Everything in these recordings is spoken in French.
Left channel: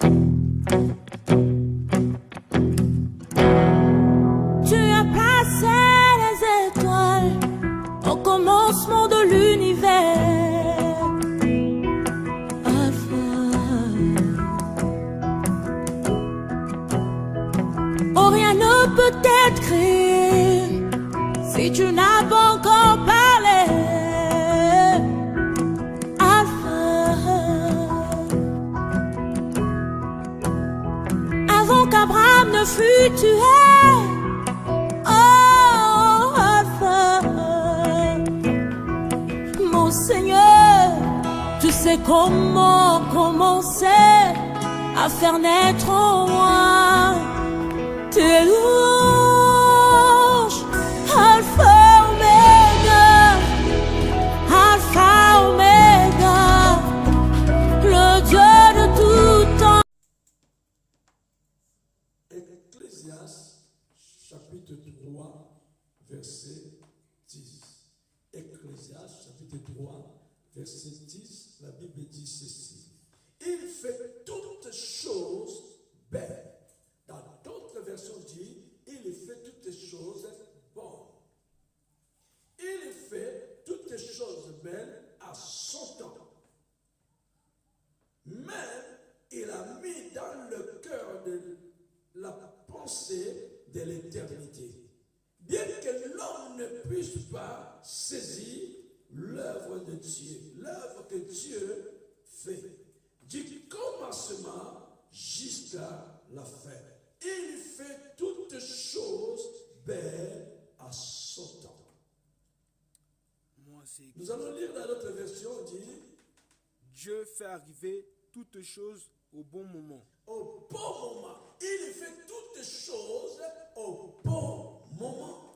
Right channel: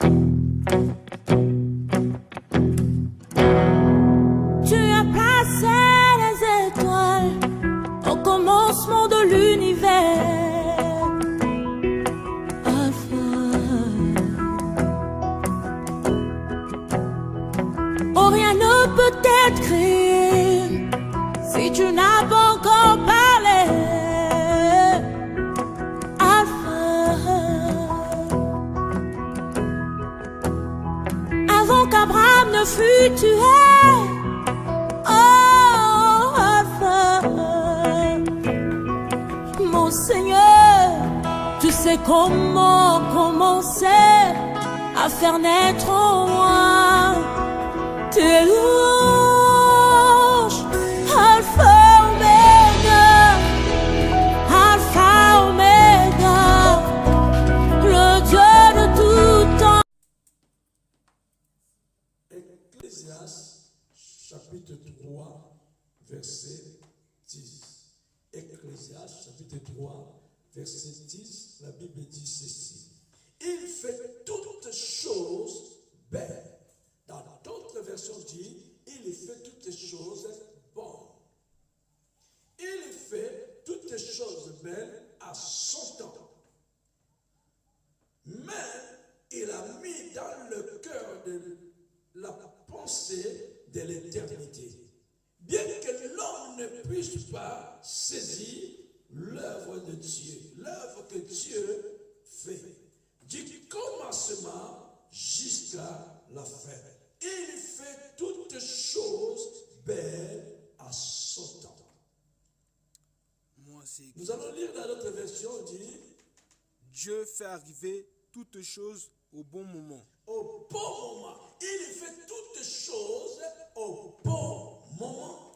Tu as placé les étoiles au commencement de l'univers. Alpha. Oh, rien ne peut être créé si tu n'as pas encore parlé. Alpha. Avant qu'Abraham ne fût tué. Oh, Alpha. Mon Seigneur, tu sais comment commencer à faire naître en moi tes louanges. Alpha, Omega, Alpha, Omega, le Dieu de tout temps. Ecclésiaste, chapitre 3, verset 10. Ecclésiaste, chapitre 3, verset 10, la Bible dit ceci. Il fait toutes choses belles. Dans d'autres versions dit, il fait toutes choses bonnes. Il fait toutes choses belles à son temps. Mais il a mis dans le cœur de la pensée de l'éternité. Bien que l'homme ne puisse pas saisir l'œuvre de Dieu, l'œuvre que Dieu fait, du commencement jusqu'à la fin. Il fait toutes choses belles à son temps. Nous allons lire dans notre version, dit Dieu fait arriver toutes choses au bon moment. au bon moment. Il fait toutes choses au bon moment.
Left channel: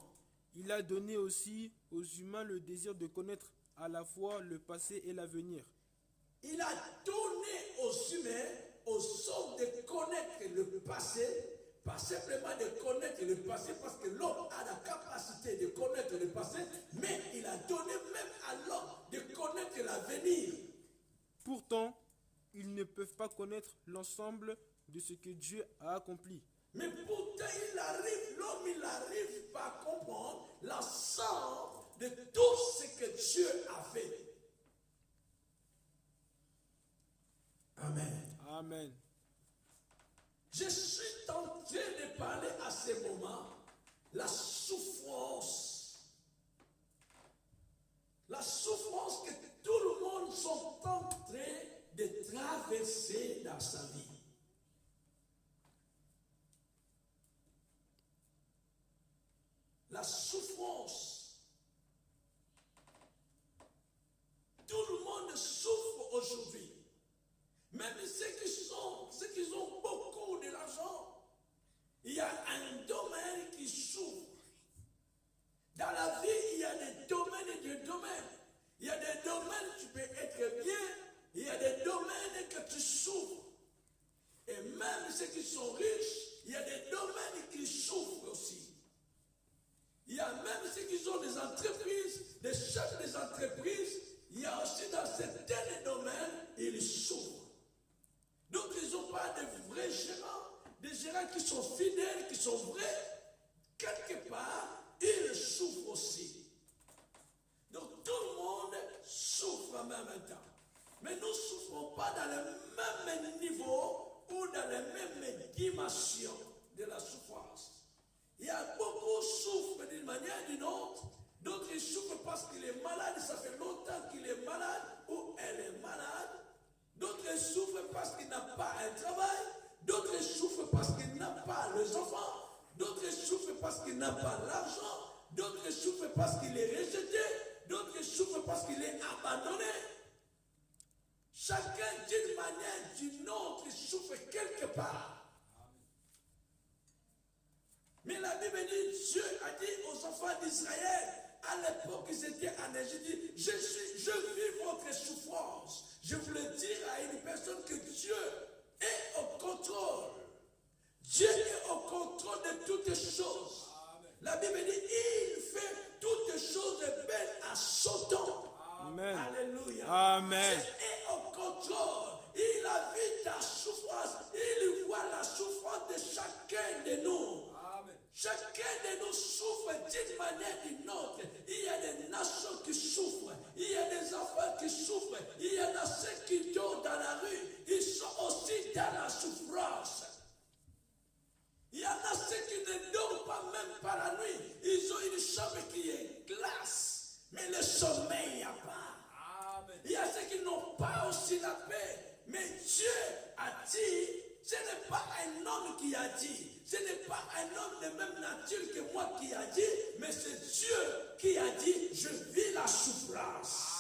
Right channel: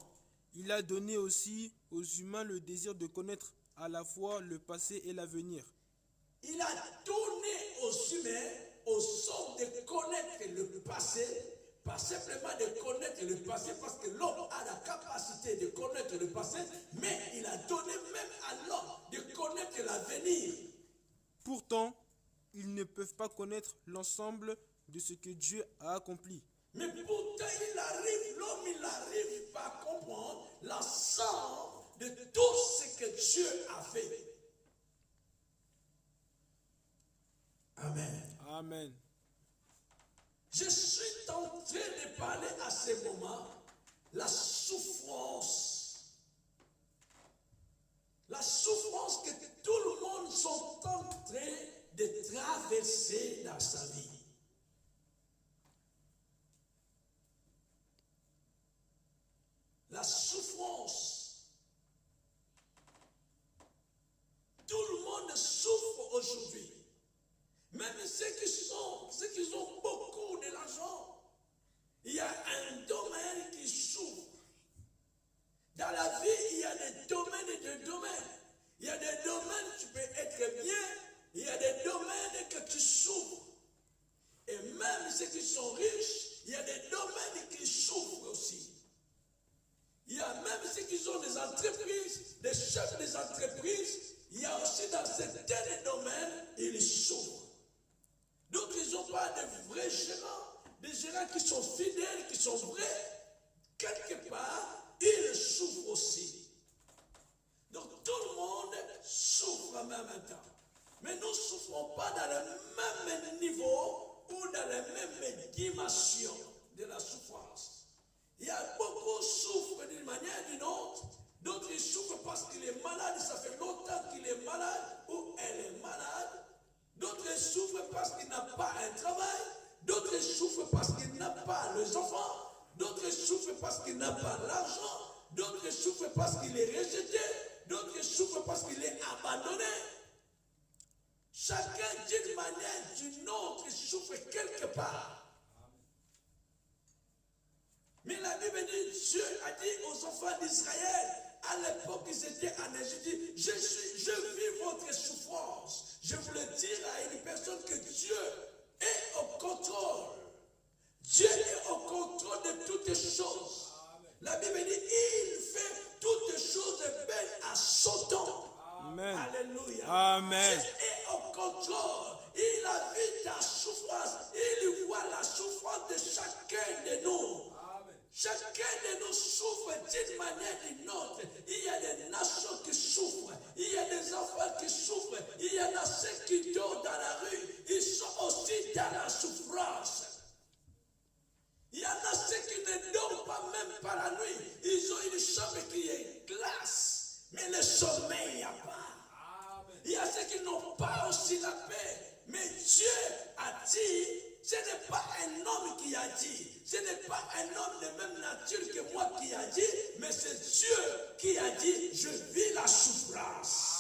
Il a donné aussi aux humains le désir de connaître à la fois le passé et l'avenir. Il a donné aux humains, aux hommes de connaître le passé, pas simplement de connaître le passé, parce que l'homme a la capacité de connaître le passé, mais il a donné même à l'homme de connaître l'avenir. Pourtant, ils ne peuvent pas connaître l'ensemble de ce que Dieu a accompli. Mais pourtant, l'homme, il n'arrive pas à comprendre l'ensemble de tout ce que Dieu a fait. Amen. Amen. Je suis tenté de parler à ce moment la souffrance. La souffrance que tout le monde sont en train de traverser dans sa vie. La souffrance. Tout le monde souffre aujourd'hui. Même ceux qui ont beaucoup de l'argent. Il y a un domaine qui souffre. Dans la vie, il y a des domaines et des domaines. Il y a des domaines où tu peux être bien. Il y a des domaines que tu souffres. Et même ceux qui sont riches, il y a des domaines qui souffrent aussi. Il y a même ceux qui ont des entreprises, des chefs des entreprises, il y a aussi dans certains domaines, ils souffrent. Donc ils n'ont pas de vrais gérants, des gérants qui sont fidèles, qui sont vrais. Quelque part, ils souffrent aussi. Donc tout le monde souffre en même temps. Mais nous ne souffrons pas dans le même niveau ou dans la même dimension de la souffrance. Il y a beaucoup qui souffrent d'une manière ou d'une autre. D'autres ils souffrent parce qu'il est malade, ça fait longtemps qu'il est malade ou elle est malade. D'autres souffrent parce qu'il n'a pas un travail. D'autres souffrent parce qu'il n'a pas les enfants. D'autres souffrent parce qu'il n'a pas l'argent. D'autres souffrent parce qu'il est rejeté. D'autres souffrent parce qu'il est abandonné. Chacun d'une manière ou d'une autre souffre quelque part. Mais la Bible dit, Dieu a dit aux enfants d'Israël, à l'époque ils étaient en Égypte, je vis votre souffrance. Je voulais dire à une personne que Dieu est au contrôle. Dieu est au contrôle de toutes choses. La Bible dit, il fait toutes choses belles à son temps. Amen. Alléluia. Amen. Dieu est au contrôle. Il a vu ta souffrance. enfants qui souffrent. Il y en a ceux qui dorment dans la rue. Ils sont aussi dans la souffrance. Il y en a ceux qui ne dorment pas même par la nuit. Ils ont une chambre qui est glace, mais le sommeil, il n'y a pas. Amen. Il y a ceux qui n'ont pas aussi la paix. Mais Dieu a dit, ce n'est pas un homme qui a dit, ce n'est pas un homme de même nature que moi qui a dit, mais c'est Dieu qui a dit, je vis la souffrance.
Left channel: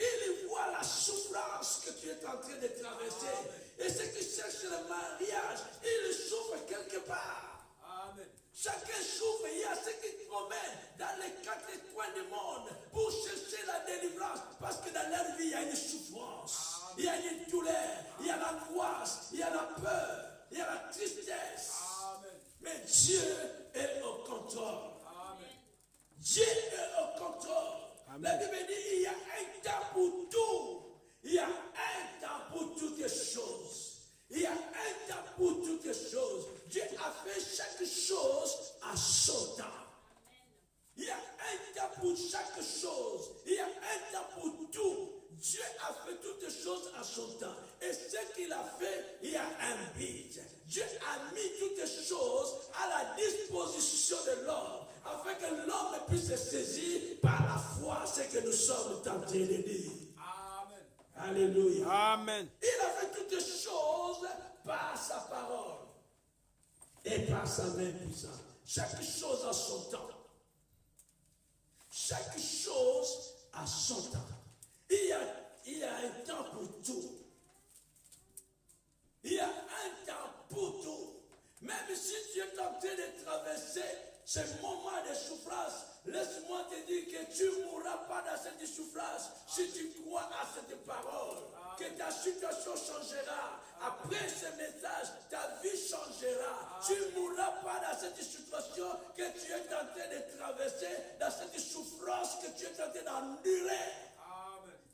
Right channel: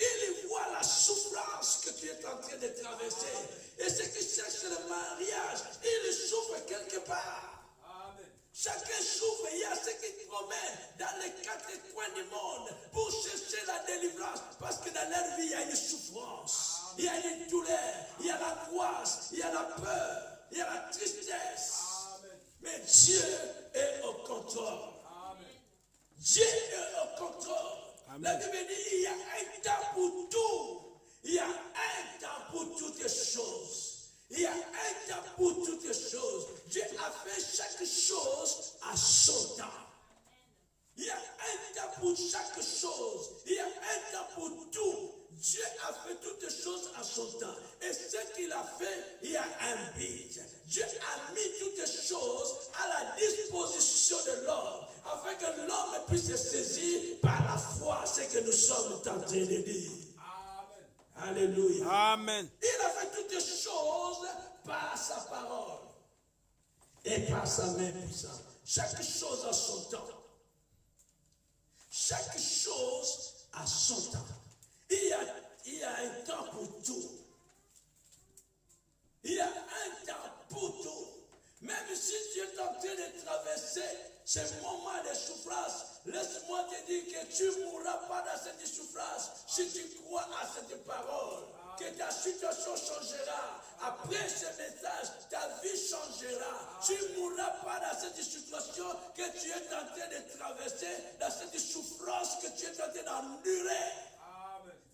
Il voit la souffrance que tu es en train de traverser. Et ceux qui cherchent le mariage, ils souffrent quelque part. Amen. Chacun souffre. Il y a ceux qui promènent dans les quatre coins du monde pour chercher la délivrance. Parce que dans leur vie, il y a une souffrance. Amen. Il y a une douleur. Il y a l'angoisse. Il y a la peur. Il y a la tristesse. Amen. Mais Dieu est au contrôle. Amen. Dieu est au contrôle. Amen. La Bible dit il y a un temps pour tout. Il y a un temps pour toutes choses. Il y a un temps pour toutes choses. Dieu a fait chaque chose à son temps. Il y a un temps pour chaque chose. Il y a un temps pour tout. Dieu a fait toutes choses à son temps. Et ce qu'il a fait, il y a un but. Dieu a mis toutes choses à la disposition de l'homme, afin que l'homme puisse se saisir par la foi ce que nous sommes en train de dire. Amen. Alléluia. Amen. Il a fait toutes choses par sa parole et par sa main puissante. Chaque chose a son temps. Chaque chose a son temps. Il y a un temps pour tout. Il y a un temps pour tout. Même si tu es en train de traverser ce moment de souffrance, laisse-moi te dire que tu ne mourras pas dans cette souffrance si tu crois à cette parole. Que ta situation changera. Après ce message, ta vie changera. Tu ne mourras pas dans cette situation que tu es en train de traverser, dans cette souffrance que tu es en train d'endurer.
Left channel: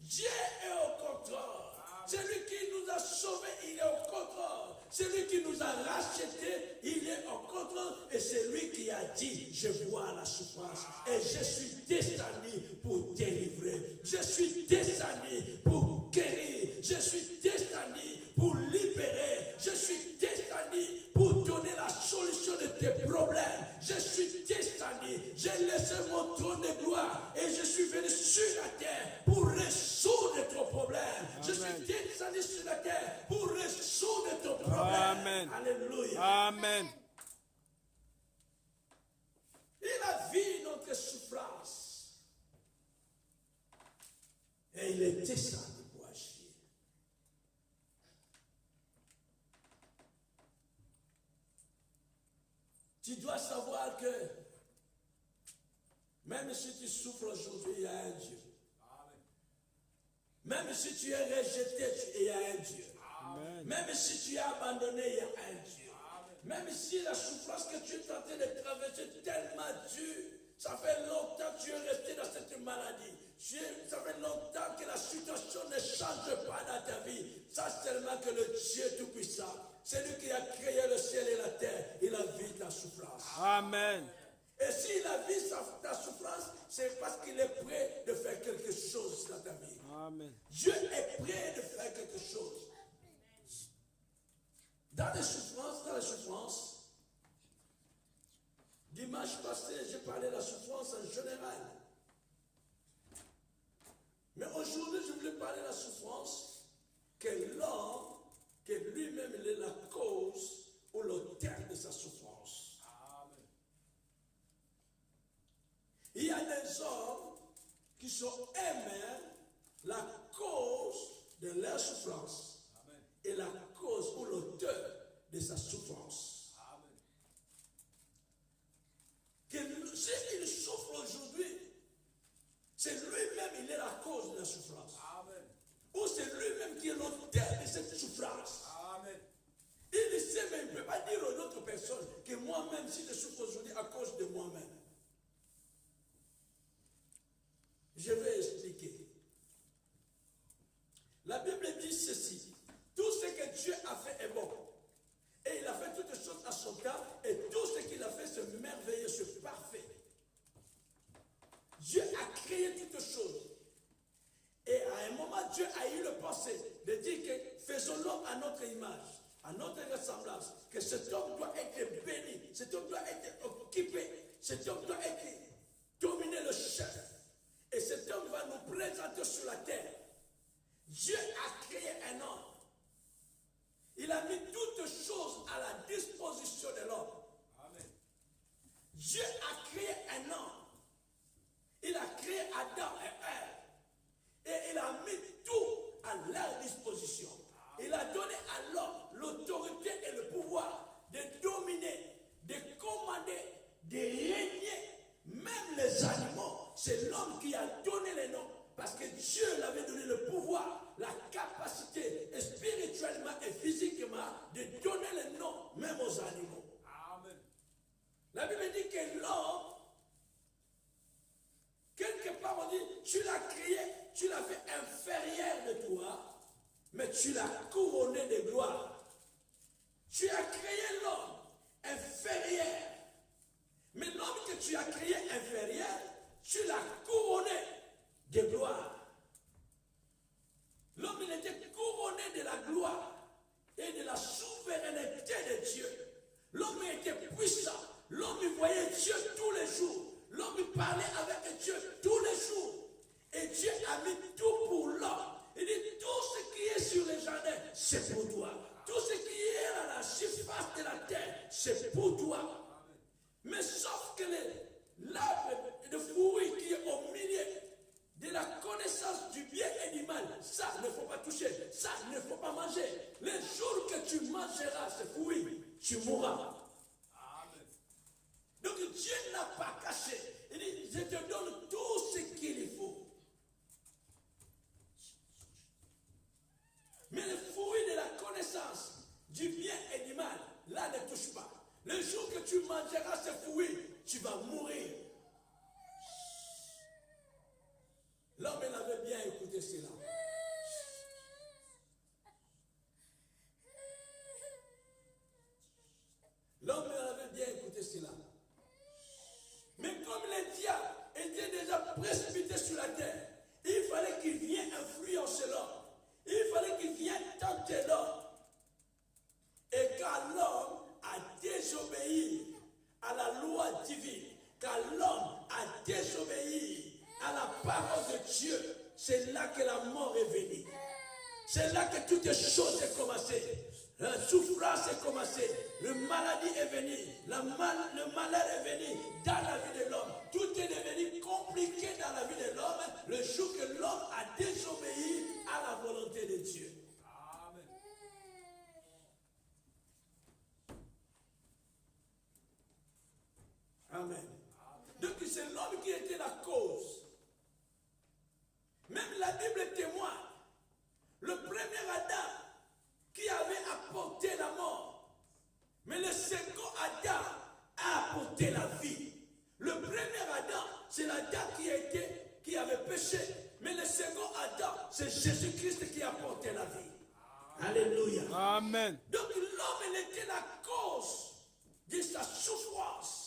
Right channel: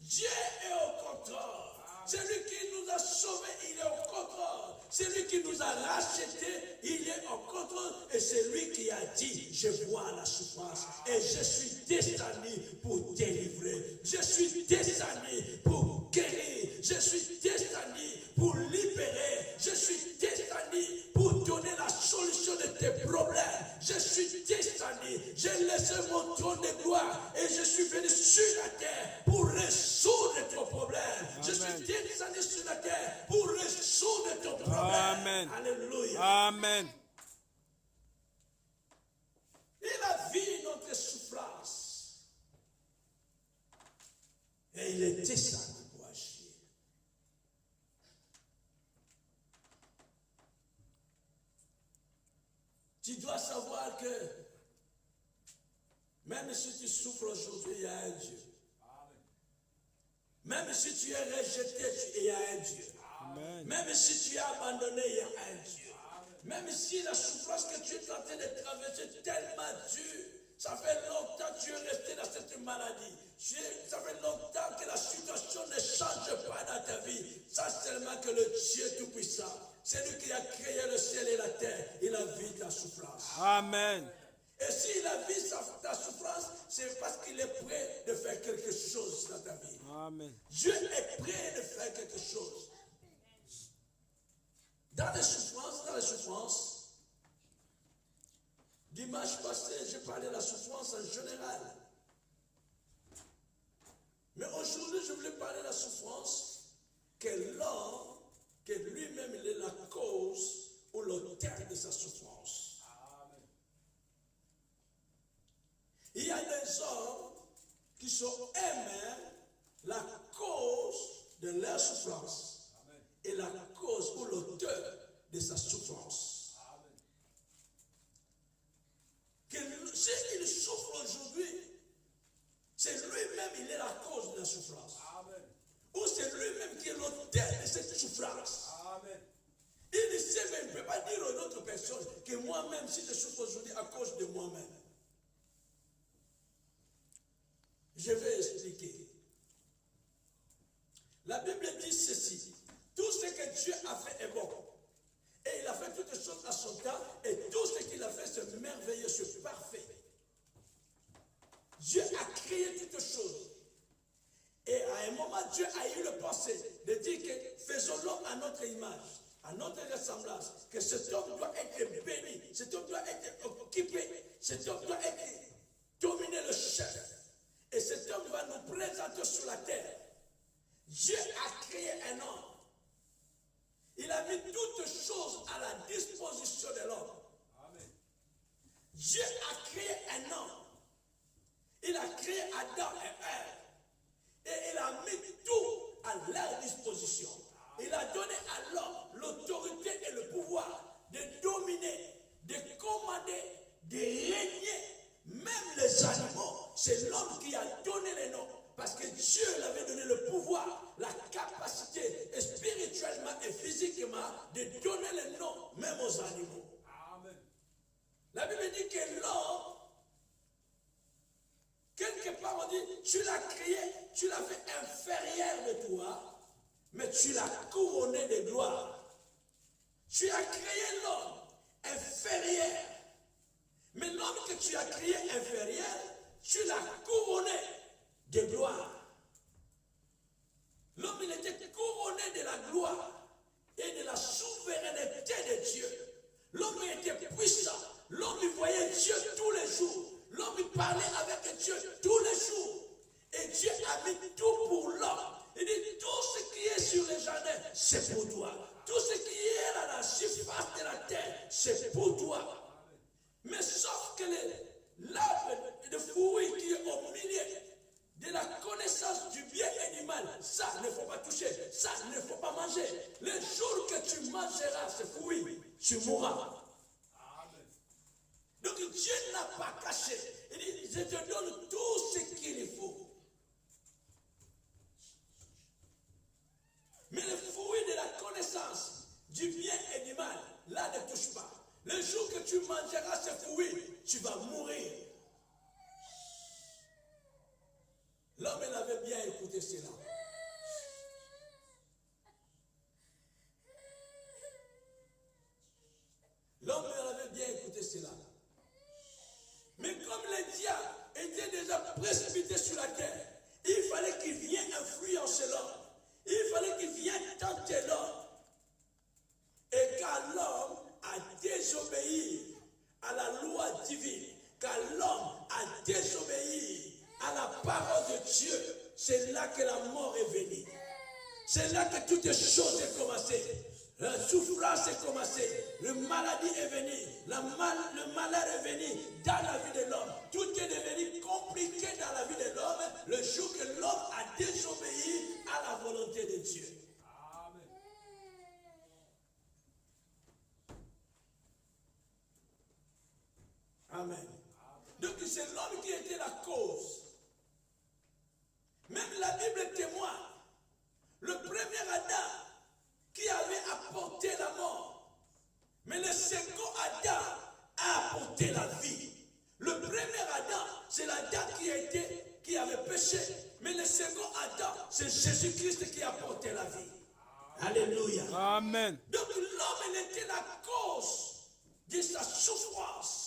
Dieu est au contrôle. Celui qui nous a sauvés, il est au contrôle. Celui qui nous a rachetés, il est au contrôle. Et c'est lui qui a dit, je vois la souffrance et je suis descendu pour délivrer. Je suis descendu pour guérir. Je suis descendu pour libérer. Je suis descendu pour donner la solution de tes problèmes. Je suis descendu. J'ai laissé mon trône de gloire et je suis venu sur la terre pour résoudre ton problème. Amen. Je suis descendu sur la terre pour résoudre ton problème. Amen. Alléluia. Amen. Il a vu notre souffrance et il est descendu pour agir. Tu dois savoir que même si tu souffres aujourd'hui, il y a un Dieu. Même si tu es rejeté, il y a un Dieu. Amen. Même si tu es abandonné, il y a un Dieu. Amen. Même si la souffrance que tu es en train de traverser est tellement dure, ça fait longtemps que tu es resté dans cette maladie. Ça fait longtemps que la situation ne change pas dans ta vie. Ça seulement que le Dieu Tout-Puissant, c'est lui qui a créé le ciel et la terre, il a vu ta souffrance. Amen. Et s'il a vu ta souffrance, c'est parce qu'il est prêt de faire quelque chose dans ta vie. Amen. Dieu est prêt de faire quelque chose. Dans les souffrances, dimanche passé, j'ai parlé de la souffrance en général. Mais aujourd'hui, je voulais parler de la souffrance que l'homme, que lui-même, il est la cause ou l'auteur de sa souffrance. Amen. Il y a des hommes qui sont eux-mêmes la cause de leur souffrance. Amen. Et la cause ou l'auteur de sa souffrance. S'il souffre aujourd'hui, c'est lui-même, il est la cause de la souffrance. Amen. Ou c'est lui-même qui est l'auteur de cette souffrance. Amen. Il sait, mais il ne peut pas dire aux autres personnes que moi-même, si je souffre aujourd'hui à cause de moi-même. Je vais expliquer. La Bible dit ceci. Tout ce que Dieu a fait est bon. Et il a fait toutes choses à son temps. Et tout ce qu'il a fait, c'est merveilleux, c'est parfait. Dieu a créé toutes choses. Et Et à un moment, Dieu a eu le pensée de dire que faisons l'homme à notre image, à notre ressemblance, que cet homme doit être béni, cet homme doit être occupé, cet homme doit être dominer le chef. Et cet homme va nous présenter sur la terre. Dieu a créé un homme. Il a mis toutes choses à la disposition de l'homme. Dieu a créé un homme. Il a créé Adam et Ève. Et il a mis tout à leur disposition. Il a donné à l'homme l'autorité et le pouvoir de dominer, de commander, de régner. Même les animaux, c'est l'homme qui a donné les noms. Parce que Dieu lui avait donné le pouvoir, la capacité, spirituellement et physiquement, de donner les noms, même aux animaux. Amen. La Bible dit que l'homme, quelque part on dit, tu l'as créé, tu l'as fait inférieur de toi, mais tu l'as couronné de gloire. Tu as créé l'homme inférieur. Mais l'homme que tu as créé inférieur, tu l'as couronné de gloire. L'homme, il était couronné de la gloire et de la souveraineté de Dieu. L'homme était puissant. L'homme, il voyait Dieu tous les jours. L'homme, il parlait avec Dieu tous les jours. Et Dieu a mis tout pour l'homme. Il dit, tout ce qui est sur les jardins, c'est pour toi. Tout ce qui est à la surface de la terre, c'est pour toi. Mais sauf que l'arbre de fruit qui est au milieu de la connaissance du bien et du mal, ça ne faut pas toucher, ça ne faut pas manger. Le jour que tu mangeras ce fruit, tu mourras. Amen. Donc Dieu n'a pas caché. Il dit, je te donne tout ce qu'il faut. Mais le fruit de la connaissance du bien et du mal, là ne touche pas. Le jour que tu mangeras ce fruit, tu vas mourir. L'homme, il avait bien écouté cela. L'homme, il avait bien écouté cela. Mais comme le diable était déjà précipité sur la terre, il fallait qu'il vienne influencer l'homme. Il fallait qu'il vienne tenter l'homme. Et quand l'homme a désobéi à la loi divine, quand l'homme a désobéi à la parole de Dieu, c'est là que la mort est venue. C'est là que toutes les choses ont commencé. La souffrance est commencée, la maladie est venue, le malheur est venu dans la vie de l'homme. Tout est devenu compliqué dans la vie de l'homme le jour que l'homme a désobéi à la volonté de Dieu. Amen. Donc c'est l'homme qui était la cause. Même la Bible témoigne. Le premier Adam qui avait apporté la mort. Mais le second Adam a apporté la vie. Le premier Adam, c'est l'Adam qui avait péché. Mais le second Adam, c'est Jésus-Christ qui a apporté la vie. Alléluia. Amen. Donc l'homme, il était la cause de sa souffrance.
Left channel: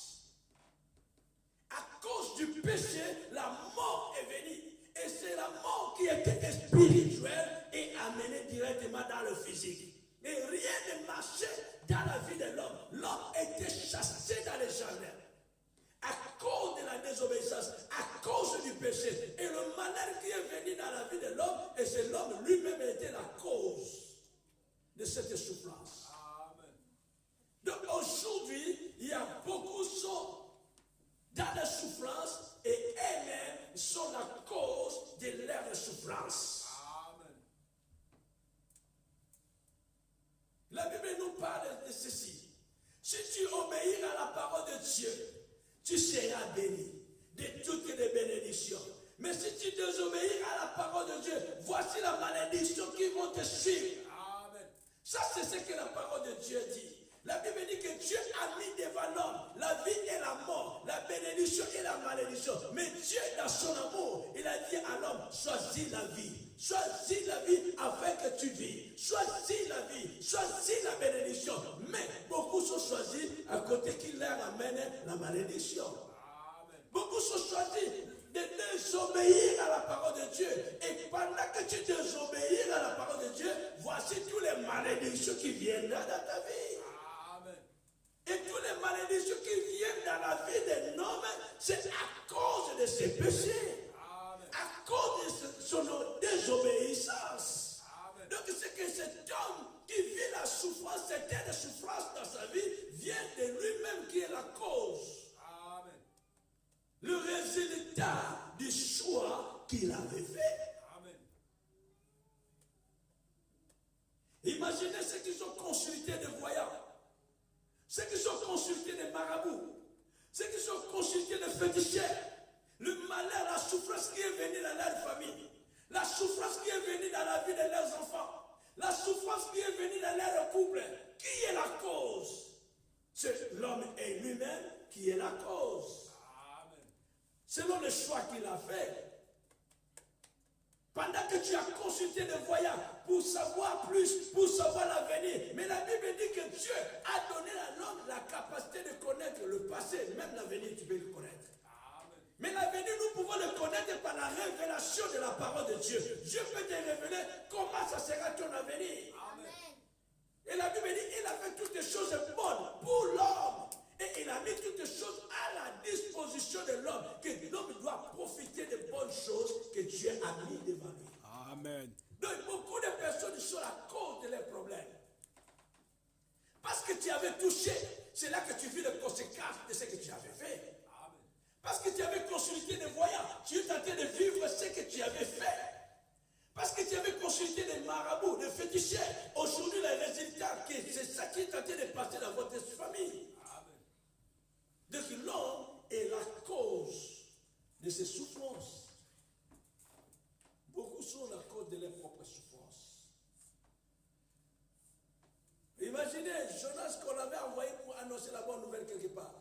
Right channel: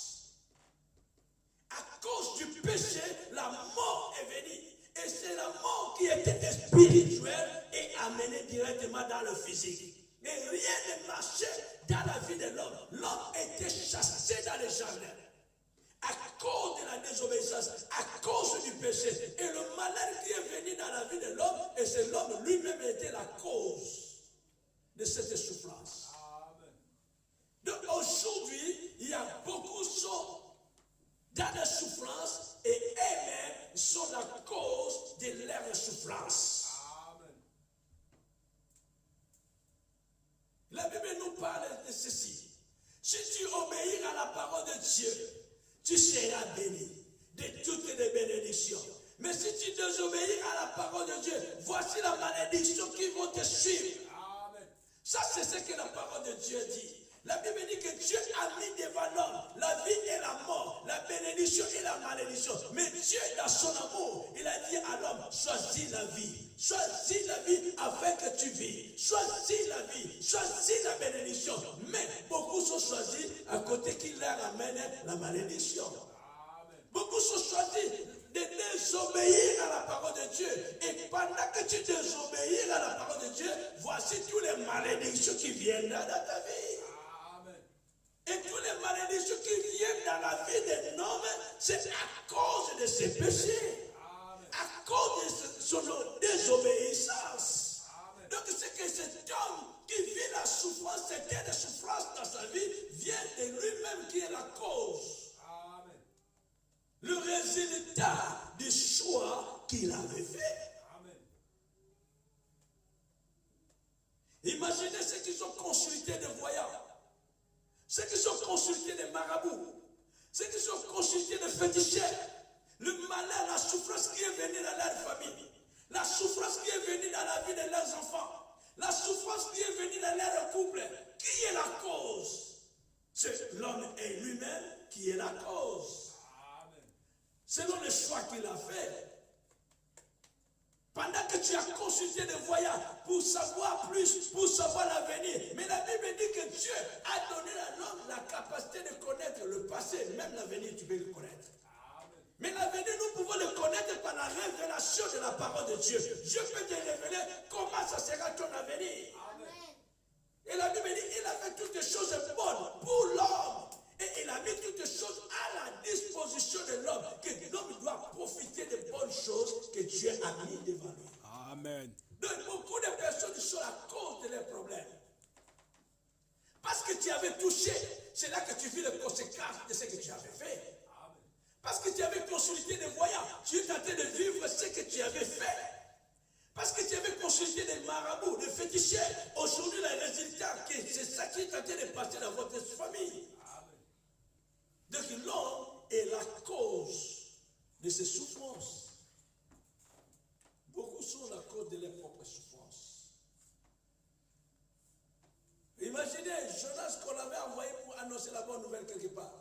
À cause du péché, la mort est venue. Et c'est la mort qui était spirituelle et amenée directement dans le physique. Mais rien ne marchait dans la vie de l'homme. L'homme était chassé dans les jardins. À cause de la désobéissance, à cause du péché. Et le malheur qui est venu dans la vie de l'homme, et c'est l'homme lui-même qui était la cause de cette souffrance. Amen. Donc aujourd'hui, il y a beaucoup de gens dans la souffrance et eux-mêmes sont la cause de leur souffrance. Amen. La Bible nous parle de ceci. Si tu obéis à la parole de Dieu, tu seras béni de toutes les bénédictions. Mais si tu désobéis à la parole de Dieu, voici la malédiction qui vont te suivre. Amen. Ça, c'est ce que la parole de Dieu dit. La Bible dit que Dieu a mis devant l'homme la vie et la mort, la bénédiction et la malédiction. Mais Dieu, dans son amour, il a dit à l'homme, choisis la vie. Choisis la vie afin que tu vis. Choisis la vie. Choisis la bénédiction. Mais beaucoup sont choisis à côté qui leur amène la malédiction. Amen. Beaucoup sont choisis de désobéir à la parole de Dieu. Et pendant que tu désobéis à la parole de Dieu, voici tous les malédictions qui viendront dans ta vie. Amen. Et tous les malédictions qui viennent dans la vie d'un homme, c'est à cause de ses péchés. Amen. À cause de son désobéissance. Amen. Donc c'est que cet homme qui vit la souffrance, certaines souffrances dans sa vie, vient de lui-même qui est la cause. Amen. Le résultat du choix qu'il avait fait. Amen. Imaginez ceux qui ont consulté des voyants, ceux qui ont consulté des marabouts, ceux qui ont consulté des féticheurs, le malheur, la souffrance qui est venue dans leur famille, la souffrance qui est venue dans la vie de leurs enfants, la souffrance qui est venue dans leur couple. Qui est la cause? C'est l'homme et lui-même qui est la cause. Amen. Selon le choix qu'il a fait. Pendant que tu as consulté des voyants pour savoir plus, pour savoir l'avenir. Mais la Bible dit que Dieu a donné à l'homme la capacité de connaître le passé. Même l'avenir, tu peux le connaître. Amen. Mais l'avenir, nous pouvons le connaître par la révélation de la parole de Dieu. Dieu peut te révéler comment ça sera ton avenir. Amen. Et la Bible dit, il a fait toutes les choses bonnes pour l'homme. Et il a mis toutes les choses à la disposition de l'homme. Que l'homme doit profiter des bonnes choses que Dieu a mis devant lui. Amen. Donc beaucoup de personnes sont à cause de leurs problèmes. Parce que tu avais touché, c'est là que tu vis les conséquences de ce que tu avais fait. Amen. Parce que tu avais consulté des voyants, tu es tenté de vivre ce que tu avais fait. Parce que tu avais consulté des marabouts, des féticheurs. Aujourd'hui, le résultat, c'est ça qui est tenté de passer dans votre famille. Amen. Donc l'homme est la cause de ces souffrances. Beaucoup sont la cause de leurs propres souffrances. Imaginez Jonas qu'on avait envoyé pour annoncer la bonne nouvelle quelque part.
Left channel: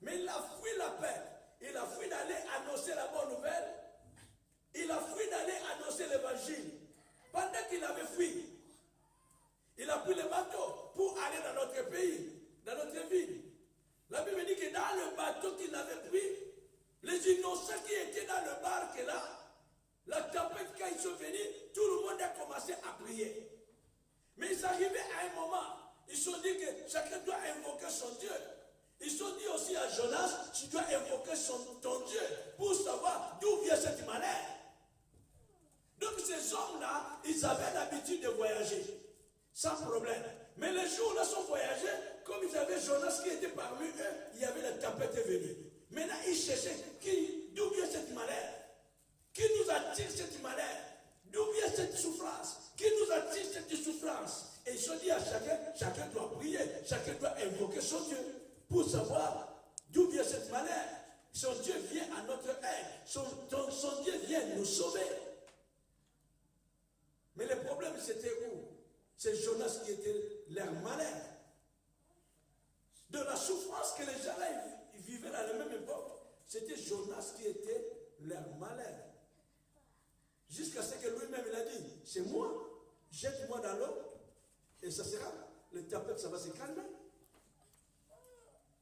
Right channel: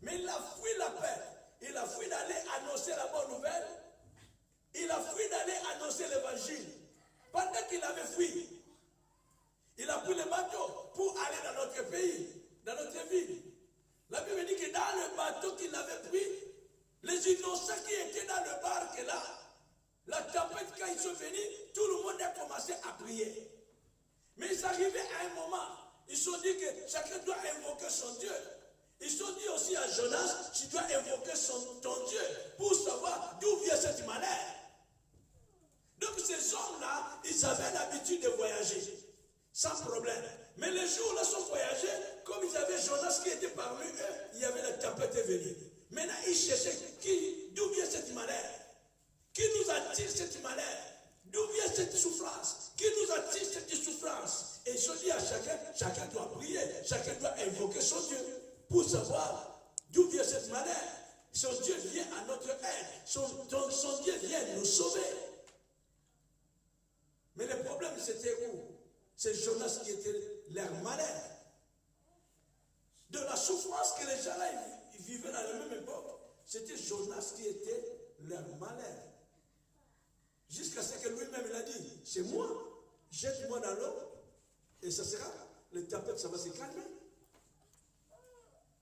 Mais il a fui la paix. Il a fui d'aller annoncer la bonne nouvelle. Il a fui d'aller annoncer l'évangile. Pendant qu'il avait fui, il a pris le bateau pour aller dans notre pays, dans notre ville. La Bible dit que dans le bateau qu'il avait pris, les innocents qui étaient dans le barque là, la tempête quand ils sont venus, tout le monde a commencé à prier. Mais ils arrivaient à un moment, ils se sont dit que chacun doit invoquer son Dieu. Ils se sont dit aussi à Jonas, tu dois invoquer ton Dieu pour savoir d'où vient cette malheur. Donc ces hommes-là, ils avaient l'habitude de voyager, sans problème. Mais les jours-là sont voyagés, comme ils avaient Jonas qui était parmi eux, il y avait la tempête venue. Maintenant, ils cherchaient d'où vient cette malheur. Qui nous attire cette malheur? D'où vient cette souffrance? Qui nous attire cette souffrance? Et ils se dit à chacun doit prier, chacun doit invoquer son Dieu pour savoir d'où vient cette malheur. Son Dieu vient à notre aide, son Dieu vient nous sauver. Mais le problème c'était où? C'est Jonas qui était leur malheur. De la souffrance que les gens-là vivaient à la même époque, c'était Jonas qui était leur malheur. Jusqu'à ce que lui-même il a dit, c'est moi, jette-moi dans l'eau, et ça sera, le tempête, ça va se calmer.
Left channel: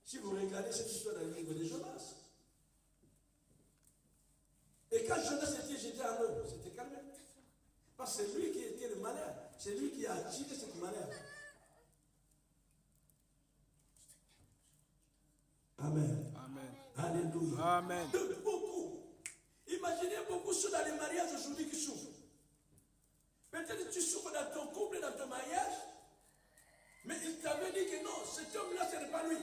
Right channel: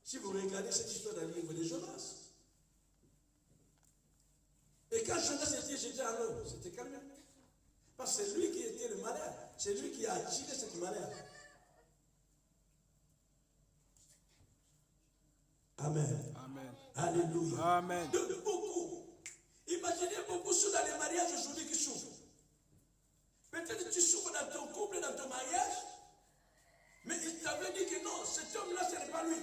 Si vous regardez cette histoire dans le livre de Jonas. Et quand Jonas était jeté dans l'eau, c'était calmé. Parce que c'est lui qui était le malheur. C'est lui qui a attiré cette malheur. Amen. Amen. Alléluia. Amen. De beaucoup. Imaginez beaucoup ceux dans les mariages aujourd'hui qui souffrent. Peut-être que tu souffres dans ton couple, dans ton mariage, mais il t'avait dit que non, cet homme-là, ce n'est pas lui.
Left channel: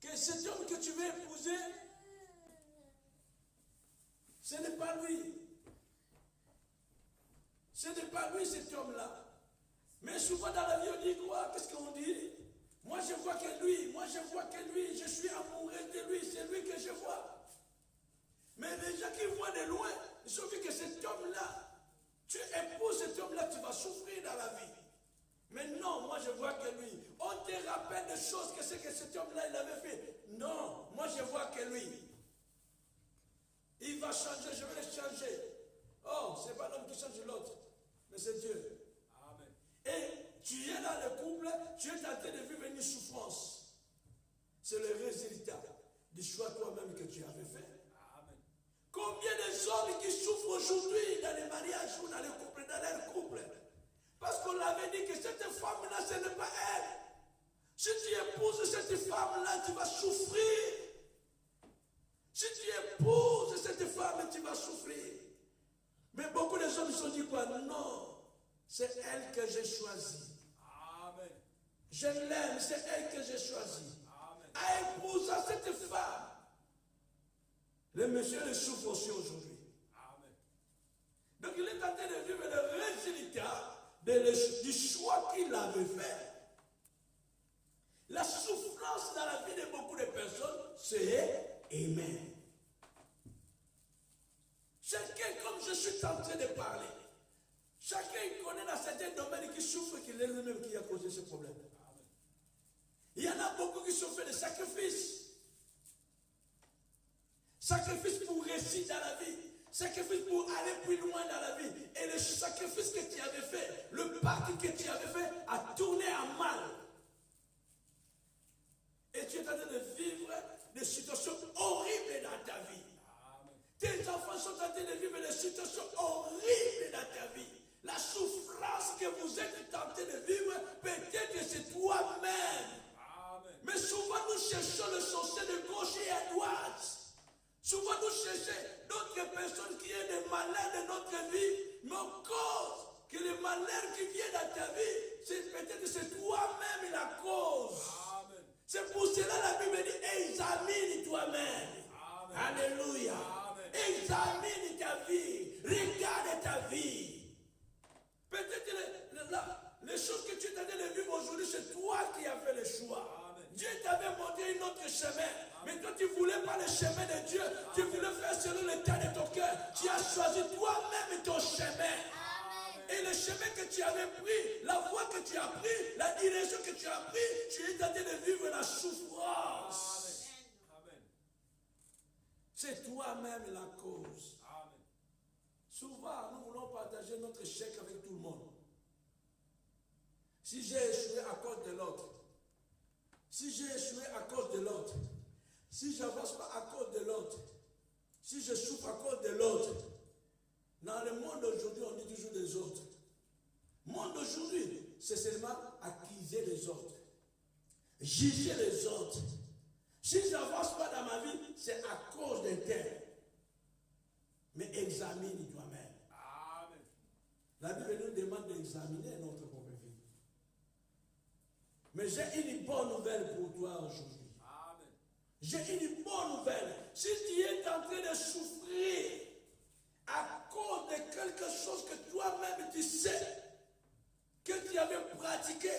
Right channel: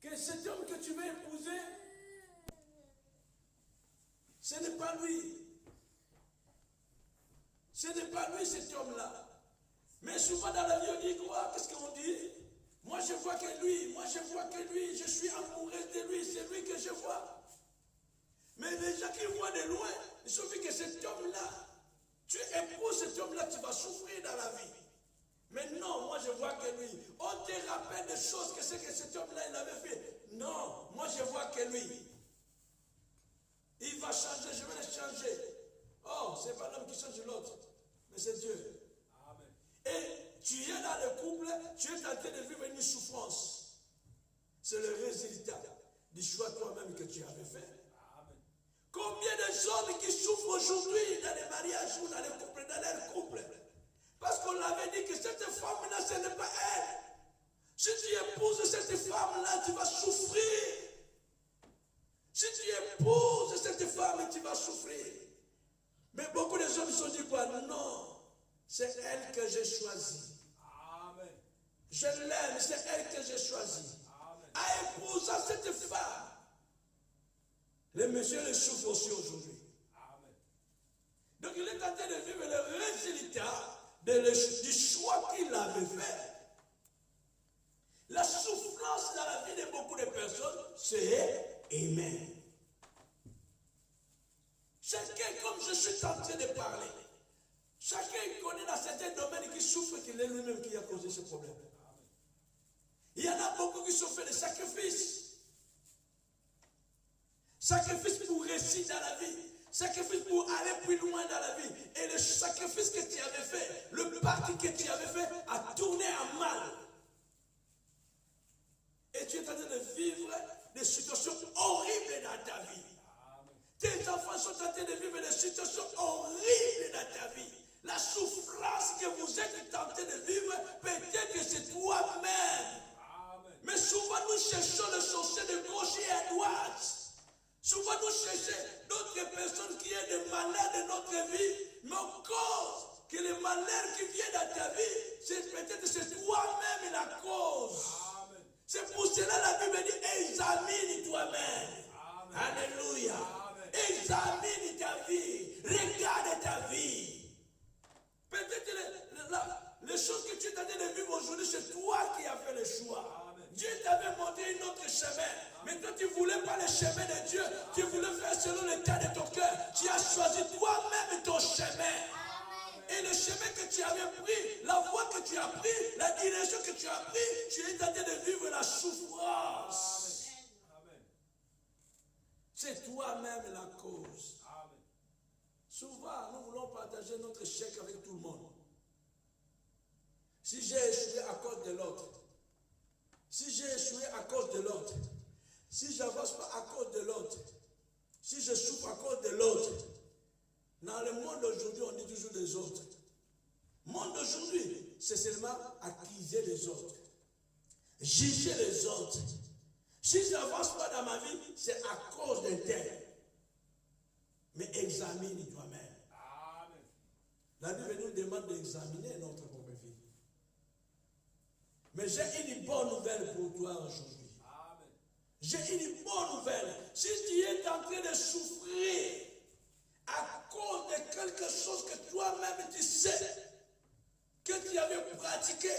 Que cet homme que tu veux épouser, ce n'est pas lui. Ce n'est pas lui cet homme-là. Mais souvent dans la vie, on dit quoi? Qu'est-ce qu'on dit? Moi je vois que lui, moi je vois que lui, je suis amoureuse de lui, c'est lui que je vois. Mais les gens qui voient de loin, ils se disent que cet homme-là, tu épouses cet homme-là, tu vas souffrir dans la vie. Mais non, moi je vois que lui. On te rappelle des choses que c'est que cet homme-là il avait fait. Non, moi je vois que lui. Il va changer, je vais le changer. Oh, ce n'est pas l'homme qui change l'autre, mais c'est Dieu. Amen. Et tu es dans le couple, tu es en train de vivre une souffrance. C'est le résultat du choix toi-même que tu avais fait. Amen. Combien de hommes qui souffrent aujourd'hui dans les mariages ou dans les couples, dans leur couple? Parce qu'on avait dit que cette femme-là, ce n'est pas elle. Si tu épouses cette femme-là, tu vas souffrir. Si tu épouses cette femme, tu vas souffrir. Mais beaucoup de gens se sont dit quoi? Non, c'est elle que j'ai choisie. Amen. Je l'aime, c'est elle que j'ai choisie. Amen. À épouser cette femme. Les messieurs le souffrent aussi aujourd'hui. Amen. Donc il est en train de vivre le résultat du choix qu'il avait fait. La souffrance dans la vie de beaucoup de personnes, c'est aimer. Chacun, comme je suis en train de parler, chacun connaît dans certains domaines qui souffre, qu'il est lui-même qui a causé ce problème. Il y en a beaucoup qui sont fait des sacrifices. Sacrifices pour réussir dans la vie. Sacrifice pour aller plus loin dans la vie. Et le sacrifice que tu avais fait, le pacte que tu avais fait, a tourné en mal. Et tu es en train de vivre des situations horribles dans ta vie. Tes enfants sont en train de vivre des situations horribles dans ta vie. La souffrance que vous êtes en train de vivre, peut-être que c'est toi-même. Mais souvent nous cherchons le sorcier de gauche et à droite. Souvent nous cherchons d'autres personnes qui ont des malheurs de notre vie, mais en cause que les malheurs qui viennent dans ta vie, c'est peut-être c'est toi-même la cause. Amen. C'est pour cela la Bible dit examine toi-même. Alléluia. Amen. Examine ta vie. Regarde ta vie. Peut-être les choses que tu es en train de vivre aujourd'hui, c'est toi qui as fait le choix. Dieu t'avait montré un autre chemin. Mais toi, tu ne voulais pas le chemin de Dieu. Tu voulais faire selon l'état de ton cœur. Tu as choisi toi-même ton chemin. Et le chemin que tu avais pris, la voie que tu as pris, la direction que tu as pris, tu es en train de vivre la souffrance. C'est toi-même la cause. Souvent, nous voulons partager notre chèque avec tout le monde. Si j'ai échoué à cause de l'autre, si j'ai échoué à cause de l'autre, si je n'avance pas à cause de l'autre, si je souffre à cause de l'autre, dans le monde d'aujourd'hui, on dit toujours des autres. Le monde d'aujourd'hui, c'est seulement accuser les autres, juger les autres. Si je n'avance pas dans ma vie, c'est à cause d'un tel. Mais examine toi-même. Amen. La Bible nous demande d'examiner notre propre vie. Mais j'ai une bonne nouvelle pour toi aujourd'hui. Amen. J'ai une bonne nouvelle. Si tu es en train de souffrir à cause de quelque chose que toi-même tu sais, que tu avais pratiqué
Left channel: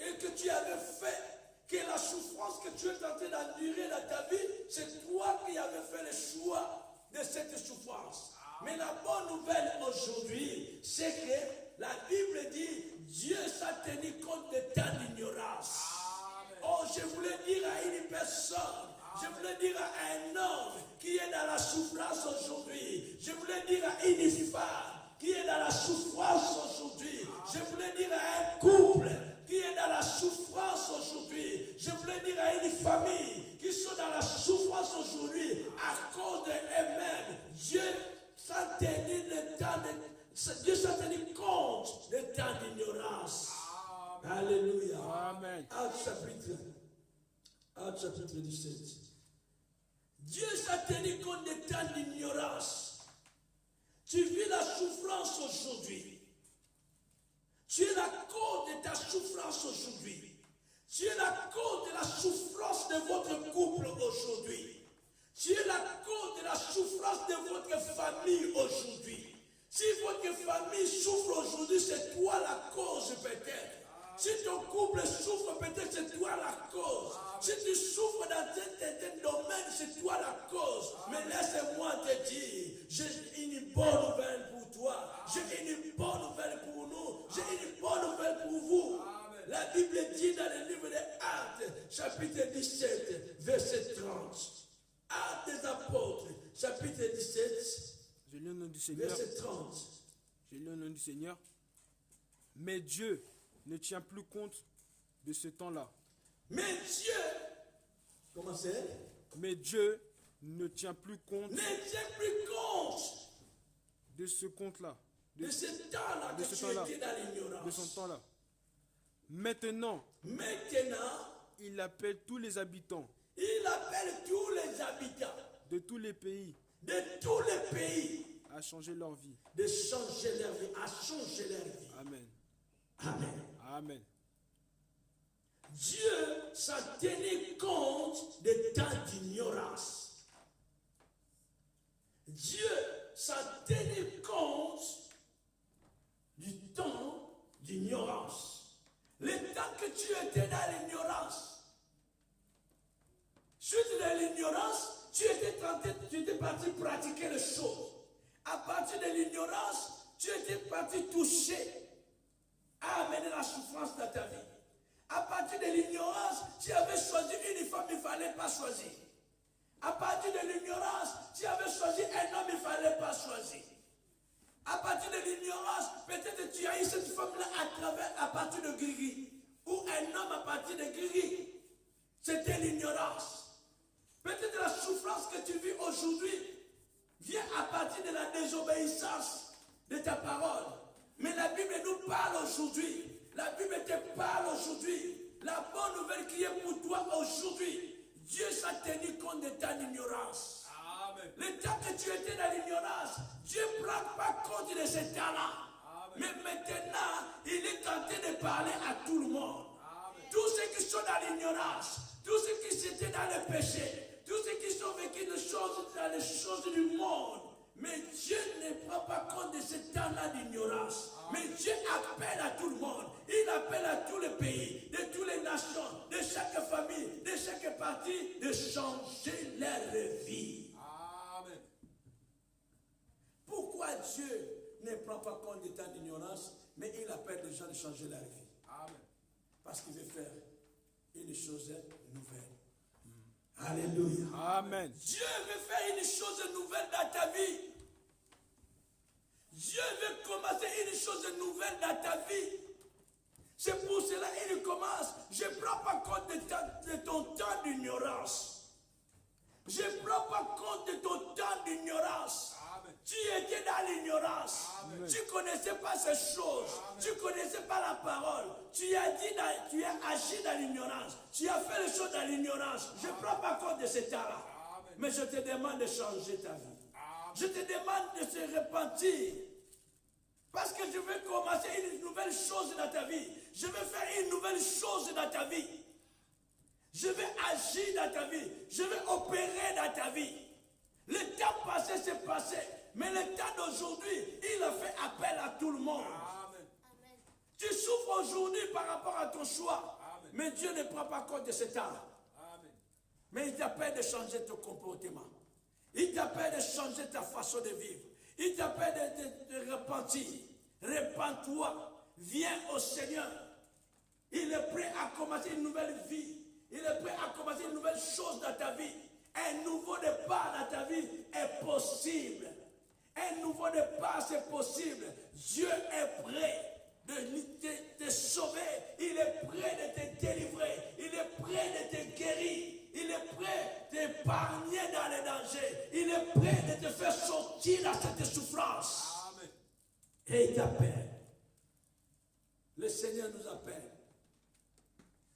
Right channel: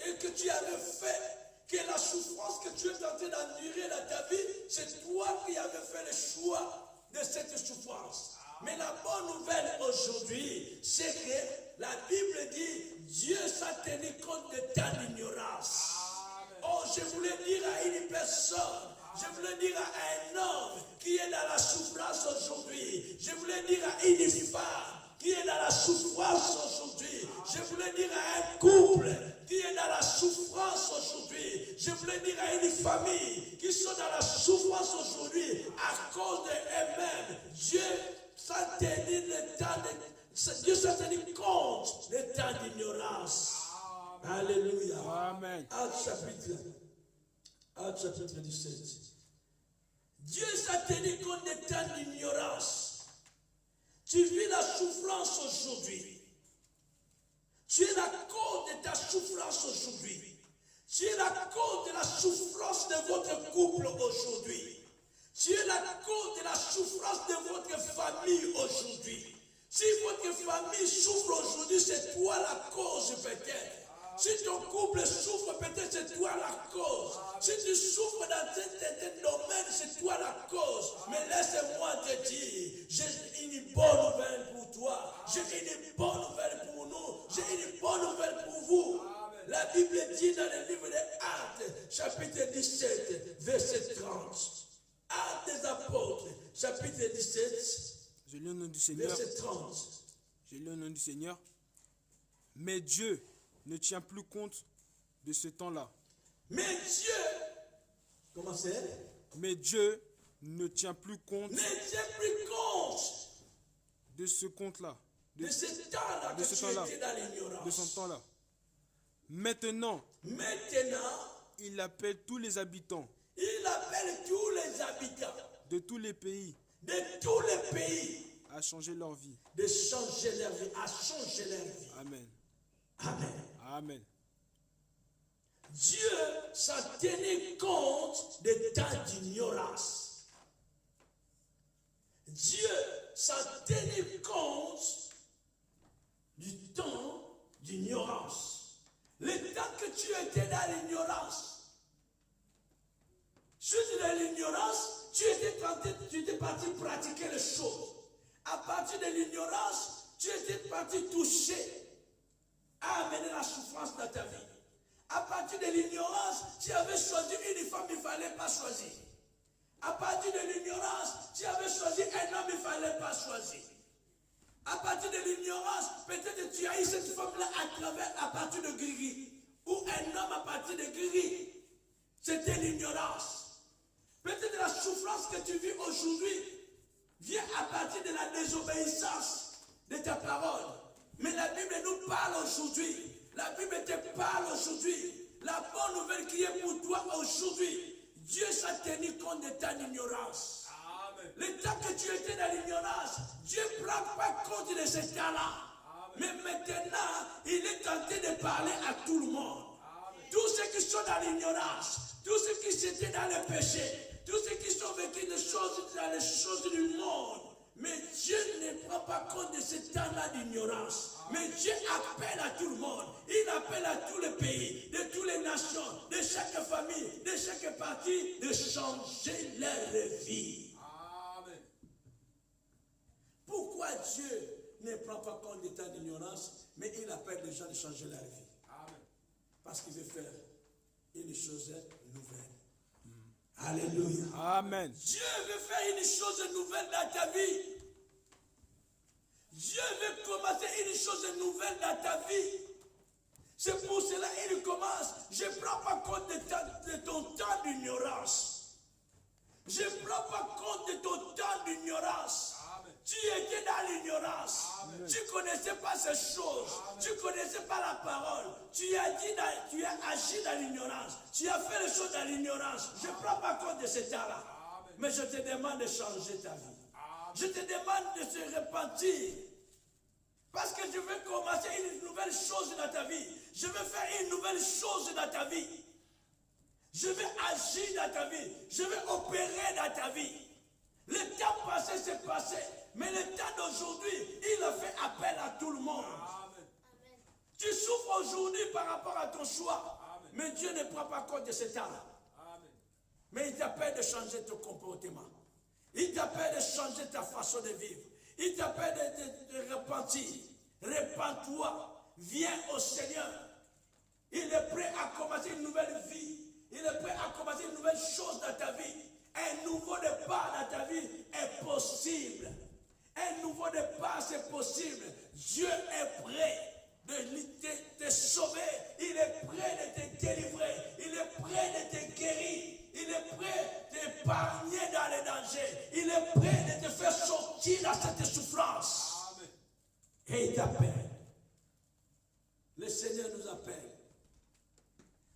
et que tu avais fait, que la souffrance que tu es en train d'endurer dans ta vie, c'est toi qui avais fait le choix de cette souffrance. Mais la bonne nouvelle aujourd'hui, c'est que la Bible dit, Dieu s'est tenu compte de ta ignorance. Oh, je voulais dire à une personne, je voulais dire à un homme qui est dans la souffrance aujourd'hui, je voulais dire à une femme qui est dans la souffrance aujourd'hui, je voulais dire à un couple qui est dans la souffrance aujourd'hui, je voulais dire à une famille qui sont dans la souffrance aujourd'hui à cause d'eux-mêmes. Dieu s'est tenu compte de ta ignorance. Alléluia. Amen. Acte chapitre 17. Dieu s'est tenu compte de ta ignorance. Tu vis la souffrance aujourd'hui. Tu es la cause de ta souffrance aujourd'hui. Tu es la cause de la souffrance de votre couple aujourd'hui. Tu es la cause de la souffrance de votre famille aujourd'hui. Si votre famille souffre aujourd'hui, c'est toi la cause peut-être. Si ton couple souffre, peut-être c'est toi la cause. Si tu souffres dans certains domaines, c'est toi la cause. Mais laisse-moi te dire, j'ai une bonne nouvelle pour toi. J'ai une bonne nouvelle pour nous. J'ai une bonne nouvelle pour vous. La Bible dit dans le livre des Actes, chapitre 17, verset 30. Actes des apôtres, chapitre 17, Je lis au nom du Seigneur. verset 30. Je lis au nom du Seigneur. Mais Dieu ne tient plus compte de ce temps-là. Mais Dieu, comment c'est? Mais Dieu ne tient plus compte Ne tient plus compte de ce compte-là, de ce temps-là de que ce tu temps-là, étais dans de son l'ignorance. temps-là. Maintenant, Maintenant, il appelle tous les habitants il appelle tous les habitants de tous les pays de tous les pays à changer leur vie. de changer leur vie, à changer leur vie. Amen. Amen. Amen. Dieu s'en tenait compte des temps d'ignorance. Dieu s'en tenait compte du temps d'ignorance. Le temps que tu étais dans l'ignorance, suite de l'ignorance, tu étais parti pratiquer les choses. À partir de l'ignorance, tu étais parti toucher à amener la souffrance dans ta vie. À partir de l'ignorance, tu avais choisi une femme, il ne fallait pas choisir. À partir de l'ignorance, tu avais choisi un homme, il ne fallait pas choisir. À partir de l'ignorance, peut-être tu as eu cette femme-là à partir de Grigri. Ou un homme à partir de Grigri. C'était l'ignorance. Peut-être la souffrance que tu vis aujourd'hui vient à partir de la désobéissance de ta parole. Mais la Bible nous parle aujourd'hui. La Bible te parle aujourd'hui. La bonne nouvelle qui est pour toi aujourd'hui. Dieu s'est tenu compte de ta ignorance. Amen. Le temps que tu étais dans l'ignorance, Dieu ne prend pas compte de ce temps-là. Mais maintenant, il est tenté de parler à tout le monde. Amen. Tous ceux qui sont dans l'ignorance, tous ceux qui étaient dans le péché, tous ceux qui sont vécus dans les choses du monde. Mais Dieu ne prend pas compte de ce temps-là d'ignorance. Mais Dieu appelle à tout le monde. Il appelle à tous les pays, de toutes les nations, de chaque famille, de chaque parti, de changer leur vie. Amen. Pourquoi Dieu ne prend pas compte des temps d'ignorance, mais il appelle les gens de changer leur vie? Amen. Parce qu'il veut faire une chose nouvelle. Alléluia. Amen. Dieu veut faire une chose nouvelle dans ta vie. Dieu veut commencer une chose nouvelle dans ta vie. C'est pour cela qu'il commence. Je ne prends pas compte de ton temps d'ignorance. Je ne prends pas compte de ton temps d'ignorance. Tu étais dans l'ignorance. Tu ne connaissais pas ces choses. Tu ne connaissais pas la parole. Tu as agi dans l'ignorance. Tu as fait les choses dans l'ignorance. Je ne prends pas compte de ce temps-là. Mais je te demande de changer ta vie. Je te demande de se repentir. Parce que je veux commencer une nouvelle chose dans ta vie. Je veux faire une nouvelle chose dans ta vie. Je veux agir dans ta vie. Je veux opérer dans ta vie. Le temps passé, c'est passé. Mais le temps d'aujourd'hui, il a fait appel à tout le monde. Amen. Tu souffres aujourd'hui par rapport à ton choix. Amen. Mais Dieu ne prend pas compte de ce temps-là. Mais il t'appelle de changer ton comportement. Il t'appelle de changer ta façon de vivre. Il t'appelle de repentir. Répands-toi. Viens au Seigneur. Il est prêt à commencer une nouvelle vie. Il est prêt à commencer une nouvelle chose dans ta vie. Un nouveau départ dans ta vie est possible. Un nouveau départ, c'est possible. Dieu est prêt de te sauver. Il est prêt de te délivrer. Il est prêt de te guérir. Il est prêt de t'épargner dans les dangers. Il est prêt de te faire sortir de cette souffrance. Amen. Et il t'appelle. Le Seigneur nous appelle.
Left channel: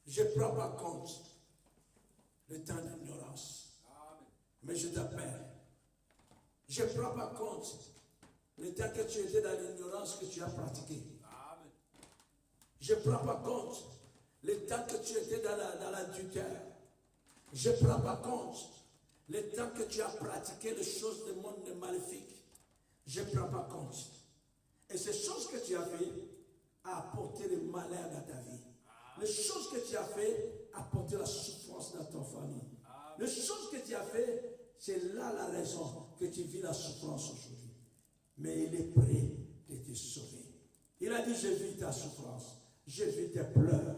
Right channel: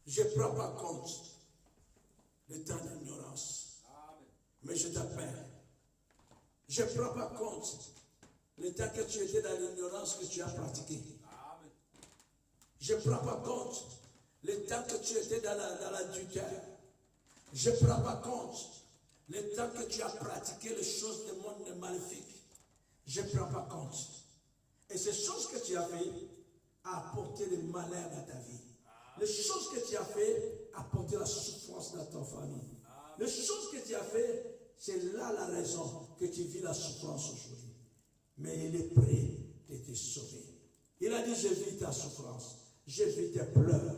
Je ne prends pas compte le temps d'ignorance. Mais je t'appelle. Je ne prends pas compte le temps que tu étais dans l'ignorance que tu as pratiqué. Je ne prends pas compte le temps que tu étais dans l'adultère. Je ne prends pas compte le temps que tu as pratiqué les choses du monde maléfique. Je ne prends pas compte. Et ces choses que tu as fait a apporté le malheur dans ta vie. Les choses que tu as fait a apporté la souffrance dans ta famille. Les choses que tu as fait, c'est là la raison que tu vis la souffrance aujourd'hui. Mais il est prêt de te sauver. Il a dit, je vis ta souffrance. Je vis tes pleurs.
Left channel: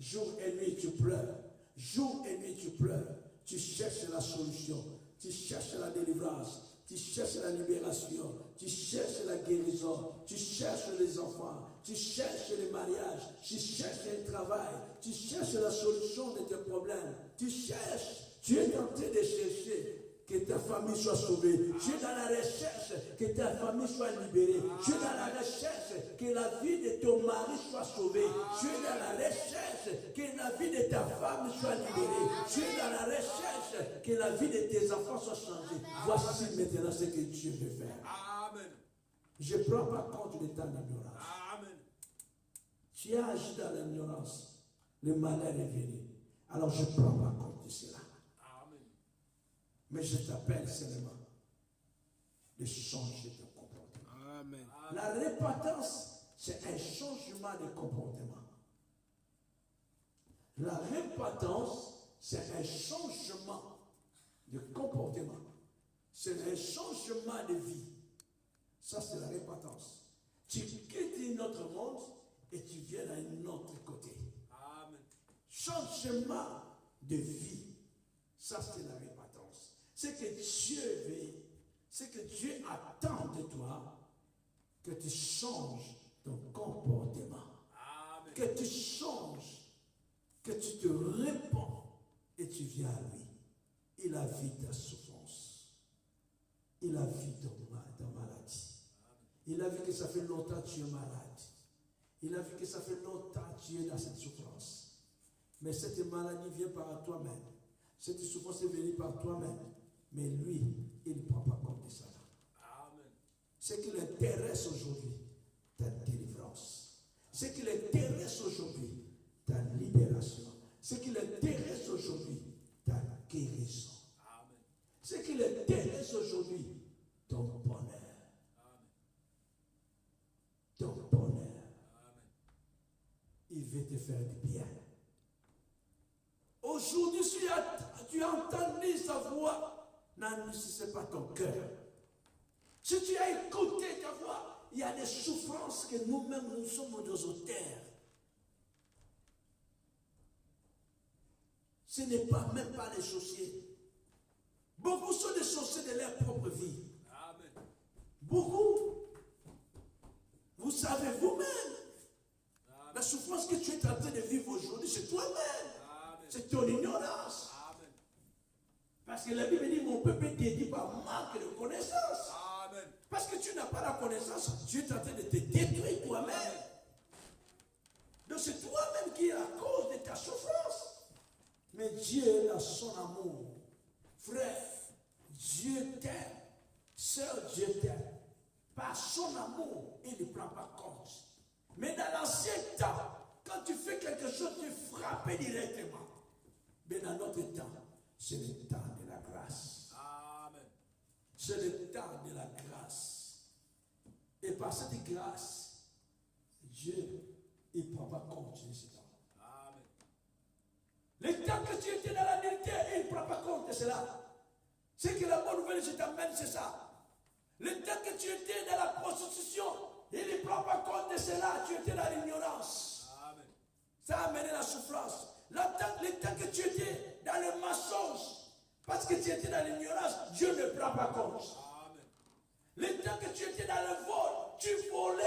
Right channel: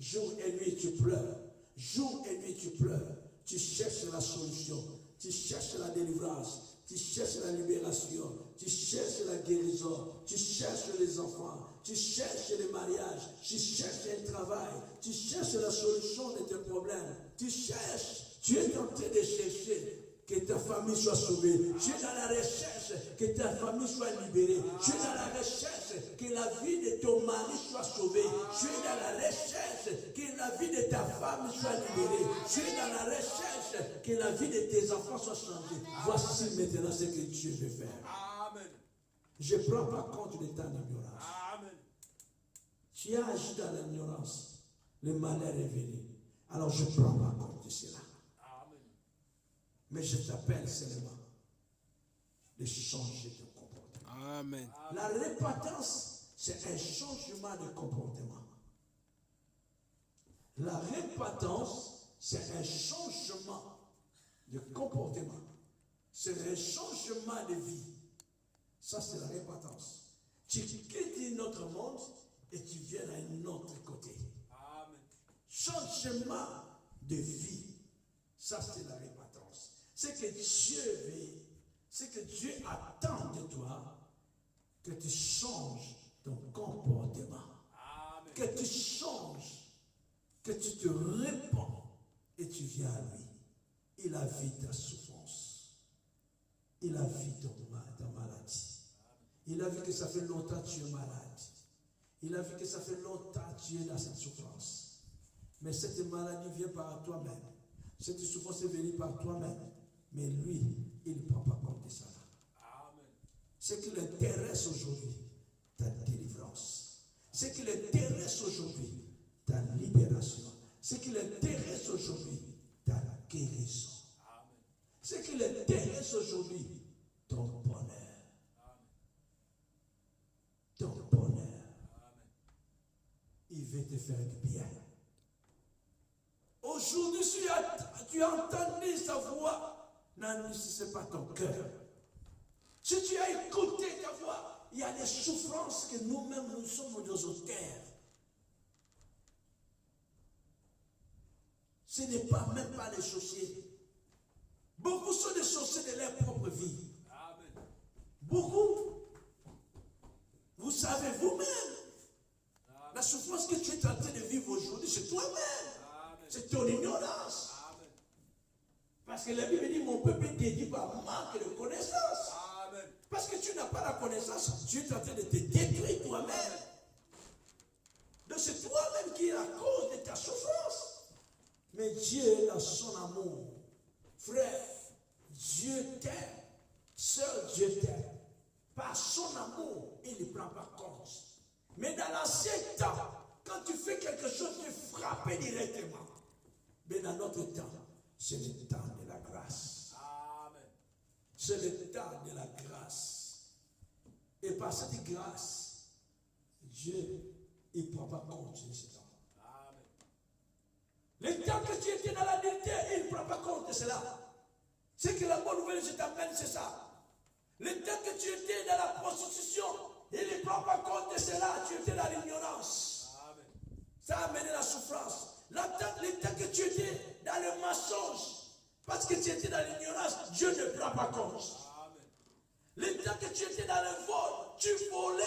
Jour et nuit, tu pleures. Jour et nuit, tu pleures. Tu cherches la solution. tu cherches la délivrance, tu cherches la libération, tu cherches la guérison, tu cherches les enfants, tu cherches les mariages, tu cherches un travail, tu cherches la solution de tes problèmes, tu cherches, tu es en train de chercher que ta famille soit sauvée. Tu es dans la recherche que ta famille soit libérée. Tu es dans la recherche que la vie de ton mari soit sauvée. Tu es dans la recherche que la vie de ta femme soit libérée. Tu es dans la recherche que la vie de tes enfants soit changée. Voici maintenant ce que Dieu veut faire. Amen. Je ne prends pas compte de ta ignorance. Amen. Tu as agi dans l'ignorance. Le malheur est venu. Alors je ne prends pas compte de cela. Mais je t'appelle seulement de changer de comportement. Amen. La repentance, c'est un changement de comportement. La repentance, c'est un changement de comportement. C'est un changement de vie. Ça, c'est la repentance. Tu quittes notre monde et tu viens à un autre côté. Amen. Changement de vie. Ça, c'est la repentance. C'est que Dieu veut, c'est que Dieu attend de toi que tu changes ton comportement. Amen. Que tu changes, que tu te répands et tu viens à lui. Il a vu ta souffrance. Il a vu ta maladie. Il a vu que ça fait longtemps que tu es malade. Il a vu que ça fait longtemps que tu es dans cette souffrance. Mais cette maladie vient par toi-même. Cette souffrance est venue par toi-même. Mais lui, il ne prend pas compte de ça. Amen. Ce qui l'intéresse aujourd'hui, ta délivrance. Ce qui l'intéresse aujourd'hui, ta libération. Ce qui l'intéresse aujourd'hui, ta guérison. Amen. Ce qui l'intéresse aujourd'hui, ton bonheur. Amen. Ton bonheur. Amen. Il veut te faire du bien. Aujourd'hui, si tu as entendu sa voix, n'endurcissez pas ton cœur. Si tu as écouté ta voix, il y a des souffrances que nous-mêmes nous sommes aux auteurs. Ce n'est pas même pas les sorciers. Beaucoup sont des sorciers de leur propre vie. Amen. Beaucoup. Vous savez vous-même. La souffrance que tu es en train de vivre aujourd'hui, c'est toi-même. C'est ton ignorance. Amen. Parce que la Bible dit, mon peuple est dédié par manque de connaissance. Amen. Parce que tu n'as pas la connaissance, Dieu est en train de te détruire toi-même. Donc c'est toi-même qui est la cause de ta souffrance. Mais Dieu, dans son amour, frère, Dieu t'aime. Sœur, Dieu t'aime. Par son amour, il ne prend pas compte. Mais dans l'ancien temps, quand tu fais quelque chose, tu es frappé directement. Mais dans notre temps, c'est le temps de la grâce. Amen. C'est le temps de la grâce. Et par cette grâce, Dieu, il ne prend pas compte de ce temps. Amen. Le temps que tu étais dans la nudité, il ne prend pas compte de cela. C'est que la bonne nouvelle, je t'amène, c'est ça. Le temps que tu étais dans la prostitution, il ne prend pas compte de cela. Tu étais dans l'ignorance. Amen. Ça a amené la souffrance. Le temps que tu étais dans le mensonge, parce que tu étais dans l'ignorance, Dieu ne prend pas compte. Amen. Le temps que tu étais dans le vol, tu volais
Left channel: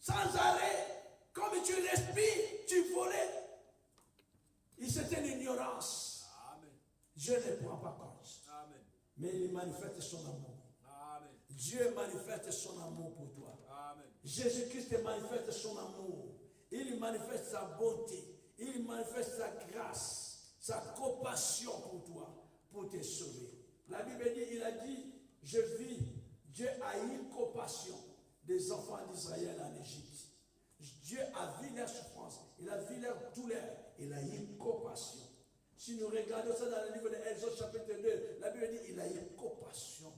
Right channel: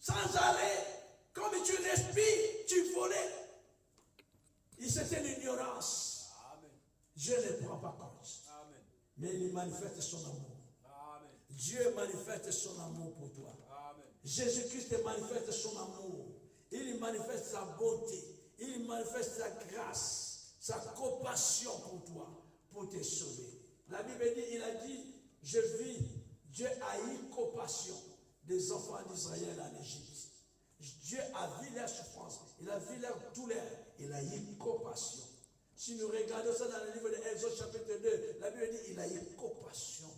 sans arrêt. Comme tu respires, tu volais. Et c'était l'ignorance. Amen. Dieu ne prend pas compte. Amen. Mais il manifeste son amour. Amen. Dieu manifeste son amour pour toi. Amen. Jésus-Christ manifeste son amour. Il manifeste sa bonté. Il manifeste sa grâce, sa compassion pour toi, pour te sauver. La Bible dit, il a dit, je vis, Dieu a eu compassion des enfants d'Israël en Égypte. Dieu a vu leur souffrance, il a vu leur douleur, il a eu compassion. Si nous regardons ça dans le livre de Exode chapitre 2, la Bible dit, il a eu compassion.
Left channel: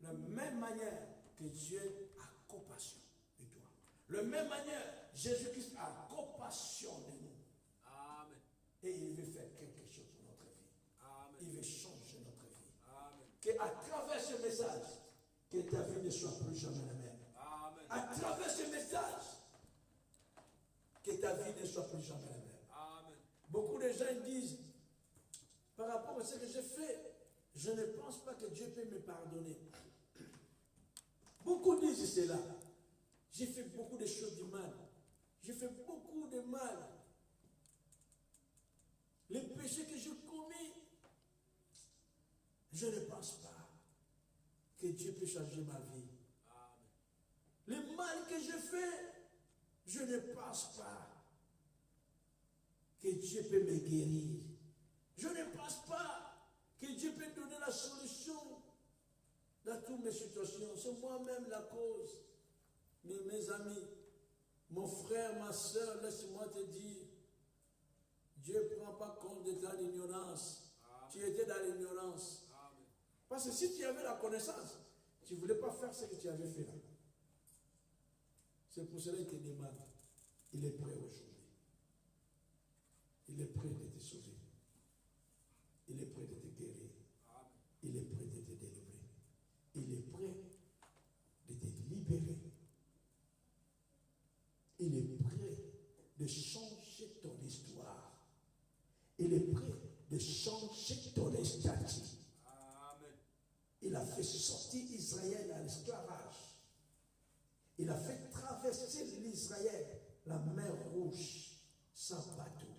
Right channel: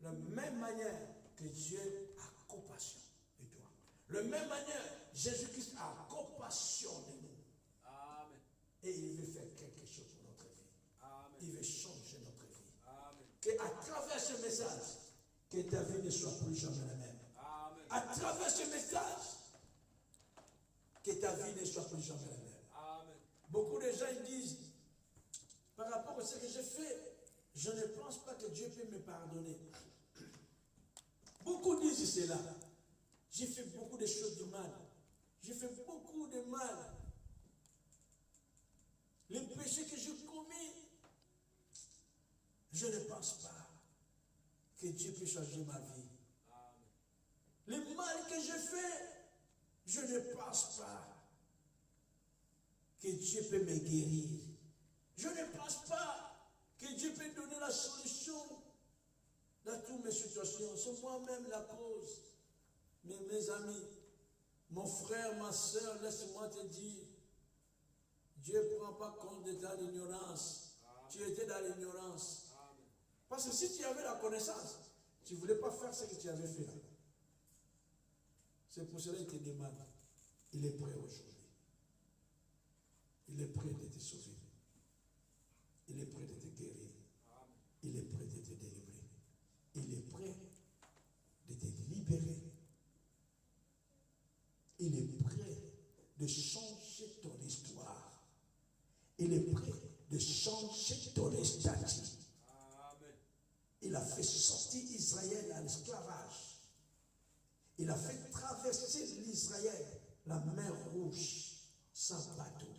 De la même manière que Dieu a compassion de toi. De la même manière, Jésus-Christ a compassion de nous. Amen. Et il veut faire quelque chose pour notre vie. Amen. Il veut changer notre vie. Amen. Qu'à travers ce message, que ta vie ne soit plus jamais la même. Amen. À travers ce message, que ta vie ne soit plus jamais la même. Amen. Beaucoup de gens disent, par rapport à ce que j'ai fait, je ne pense pas que Dieu peut me pardonner. Beaucoup disent cela. J'ai fait beaucoup de choses du mal. J'ai fait beaucoup de mal. Les péchés que j'ai commis, je ne pense pas que Dieu peut changer ma vie. Le mal que je fais, je ne pense pas que Dieu peut me guérir. Je ne pense pas que Dieu peut donner la solution dans toutes mes situations. C'est moi-même la cause. Mais mes amis, mon frère, ma soeur, laisse-moi te dire, Dieu ne prend pas compte de ta ignorance. Tu étais dans l'ignorance. Parce que si tu avais la connaissance, tu ne voulais pas faire ce que tu avais fait là. C'est pour cela qu'il te demande. Il est prêt aujourd'hui. Il est prêt de te sauver. Il est prêt de te guérir. Il est prêt de te délivrer. Il est prêt de te libérer. Il est prêt de changer ton histoire. Il est prêt de changer ton statut. Il a fait sortir Israël à l'esclavage. Il a fait traverser l'Israël, la mer Rouge, sans bateau.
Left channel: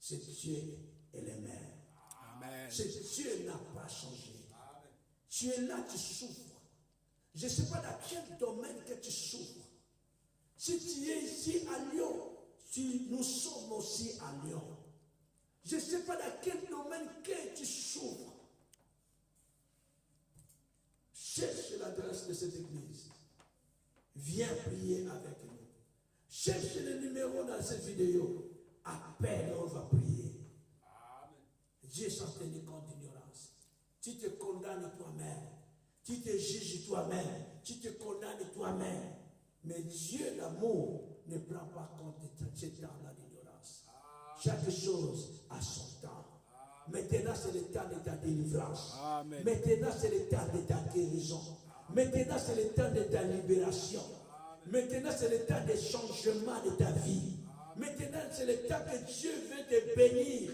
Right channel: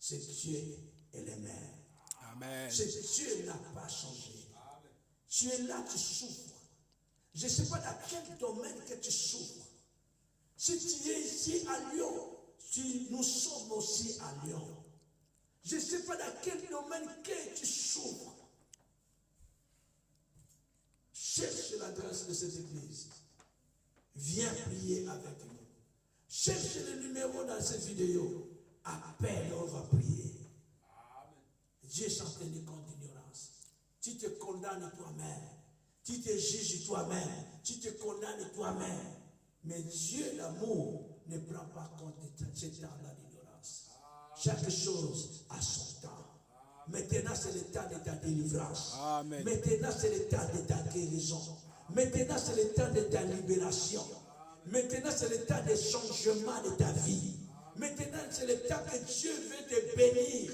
C'est Dieu et les mers. Amen. C'est Dieu n'a pas changé. Amen. Tu es là, tu souffres. Je ne sais pas dans quel domaine que tu souffres. Si tu es ici à Lyon, nous sommes aussi à Lyon. Je ne sais pas dans quel domaine que tu souffres. Cherche l'adresse de cette église. Viens prier avec nous. Cherche le numéro dans cette vidéo. Appelle, on va prier. Amen. Dieu s'en tenait compte d'ignorance. Tu te condamnes toi-même. Tu te juges toi-même. Tu te condamnes toi-même. Mais Dieu, l'amour, ne prend pas compte de ce temps-là d'ignorance. Chaque chose a son temps. Maintenant, c'est le temps de ta délivrance. Amen. Maintenant, c'est le temps de ta guérison. Maintenant, c'est le temps de ta libération. Maintenant, c'est le temps des changements de ta vie. Maintenant, c'est le temps que Dieu veut te bénir.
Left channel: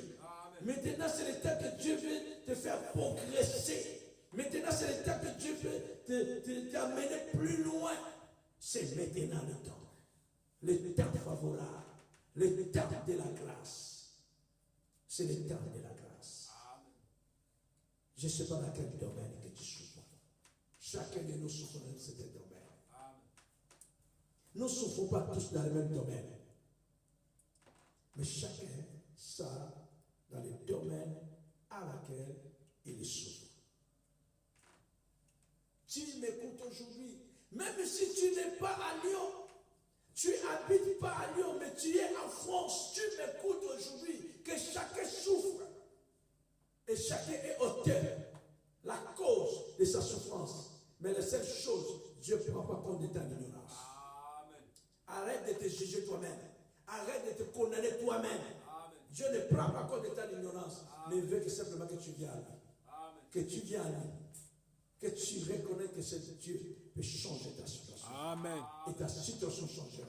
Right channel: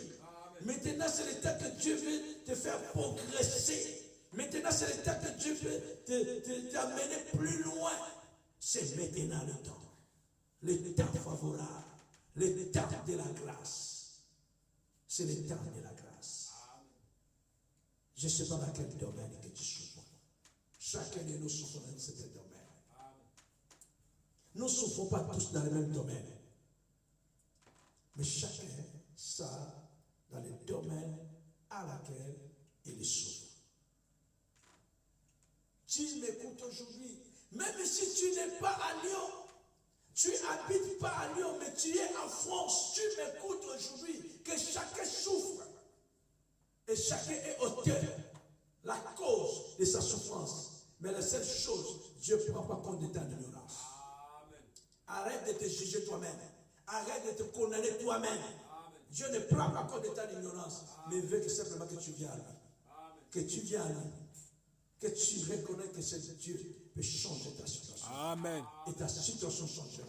Maintenant, c'est le temps que Dieu veut te faire progresser. Maintenant, c'est le temps que Dieu veut t'amener plus loin. C'est maintenant le temps. Le temps favorable. Le temps de la grâce. C'est le temps de la grâce. Je ne sais pas dans quel domaine que tu souffres. Chacun de nous souffre dans ce domaine. Nous ne souffrons pas tous dans le même domaine. Mais chacun ça dans le domaine à laquelle il souffre. Tu m'écoutes aujourd'hui, même si tu n'es pas à Lyon, tu n'habites pas à Lyon, mais tu es en France, tu m'écoutes aujourd'hui, que chacun souffre. Et chacun est auteur, la cause de sa souffrance. Mais la seule chose, Dieu ne prend pas compte de ta ignorance. Arrête de te juger toi-même. Arrête de te condamner toi-même. Dieu ne prend pas compte de ta ignorance, mais il veut que simplement que tu viennes à lui. Que tu viennes à lui. Que tu reconnais que c'est Dieu peut changer ta situation. Amen. Et ta situation changera.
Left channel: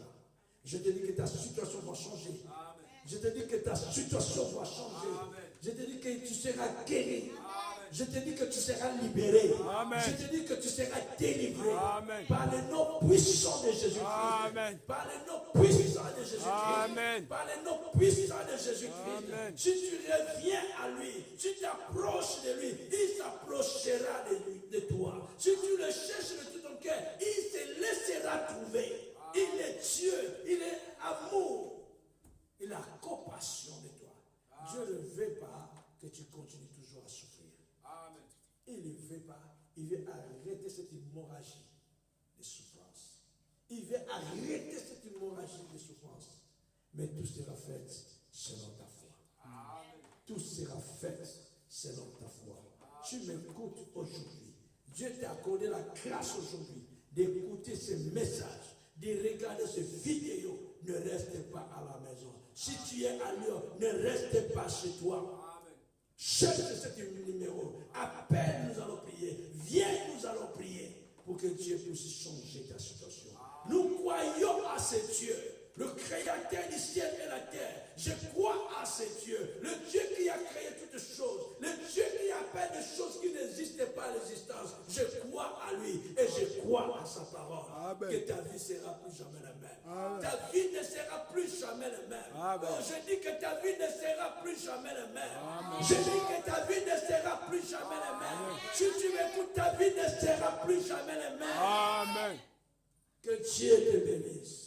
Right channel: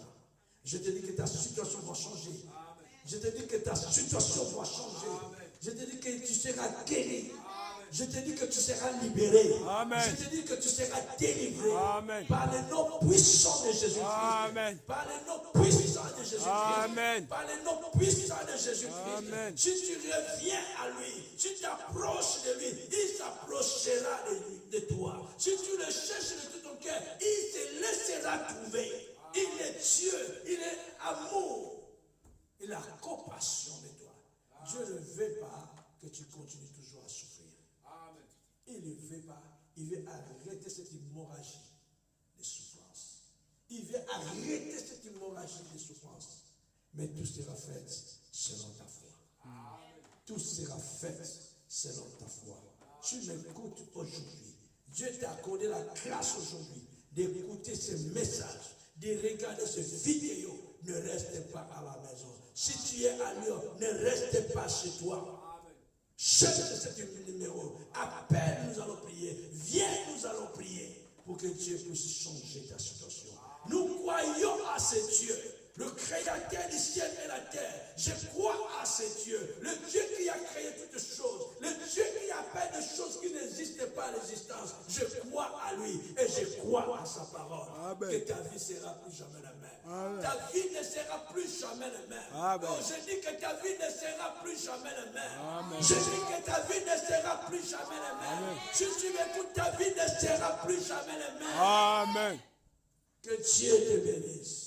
Je te dis que ta situation va changer. Amen. Je te dis que ta situation va changer. Amen. Je te dis que tu seras guéri. Amen. Je te dis que tu seras libéré. Amen. Je te dis que tu seras délivré. Amen. Par le nom puissant de Jésus-Christ. Amen. Par le nom puissant de Jésus-Christ. Amen. Par le nom puissant de Jésus-Christ. Si tu reviens à lui, si tu t'approches de lui, il s'approchera de toi. Si tu le cherches de tout ton cœur, il te laissera trouver. Il est Dieu, il est amour. Il a compassion de toi. Dieu ne veut pas que tu continues toujours à souffrir. Amen. Il ne veut pas. Il veut arrêter cette hémorragie de souffrance. Il veut arrêter cette hémorragie de souffrance. Mais tout sera fait selon ta foi. Amen. Tout sera fait selon ta foi. Tu m'écoutes aujourd'hui. Dieu t'a accordé la grâce aujourd'hui d'écouter ce message, de regarder cette vidéo. Ne reste pas à la maison. Si tu es à Lyon, ne reste pas chez toi. Amen. Cherche ce numéro. Appelle, nous allons prier. Viens, nous allons prier pour que Dieu puisse changer ta situation. Amen. Nous croyons à ce Dieu, le créateur du ciel et la terre. Je crois à ce Dieu, le Dieu qui a créé toutes choses, le Dieu qui appelle des choses qui n'existent pas à l'existence. Je crois à lui et je crois à sa parole. Amen. Que ta vie sera plus jamais la même. Amen. Ta vie ne sera plus jamais la même. Amen. Oh, je dis que ta vie ne sera plus jamais la même. Amen. Je dis que ta vie ne sera plus jamais la même. Amen. Si tu m'écoutes, ta vie ne sera plus jamais la même. Amen. Que Dieu te bénisse.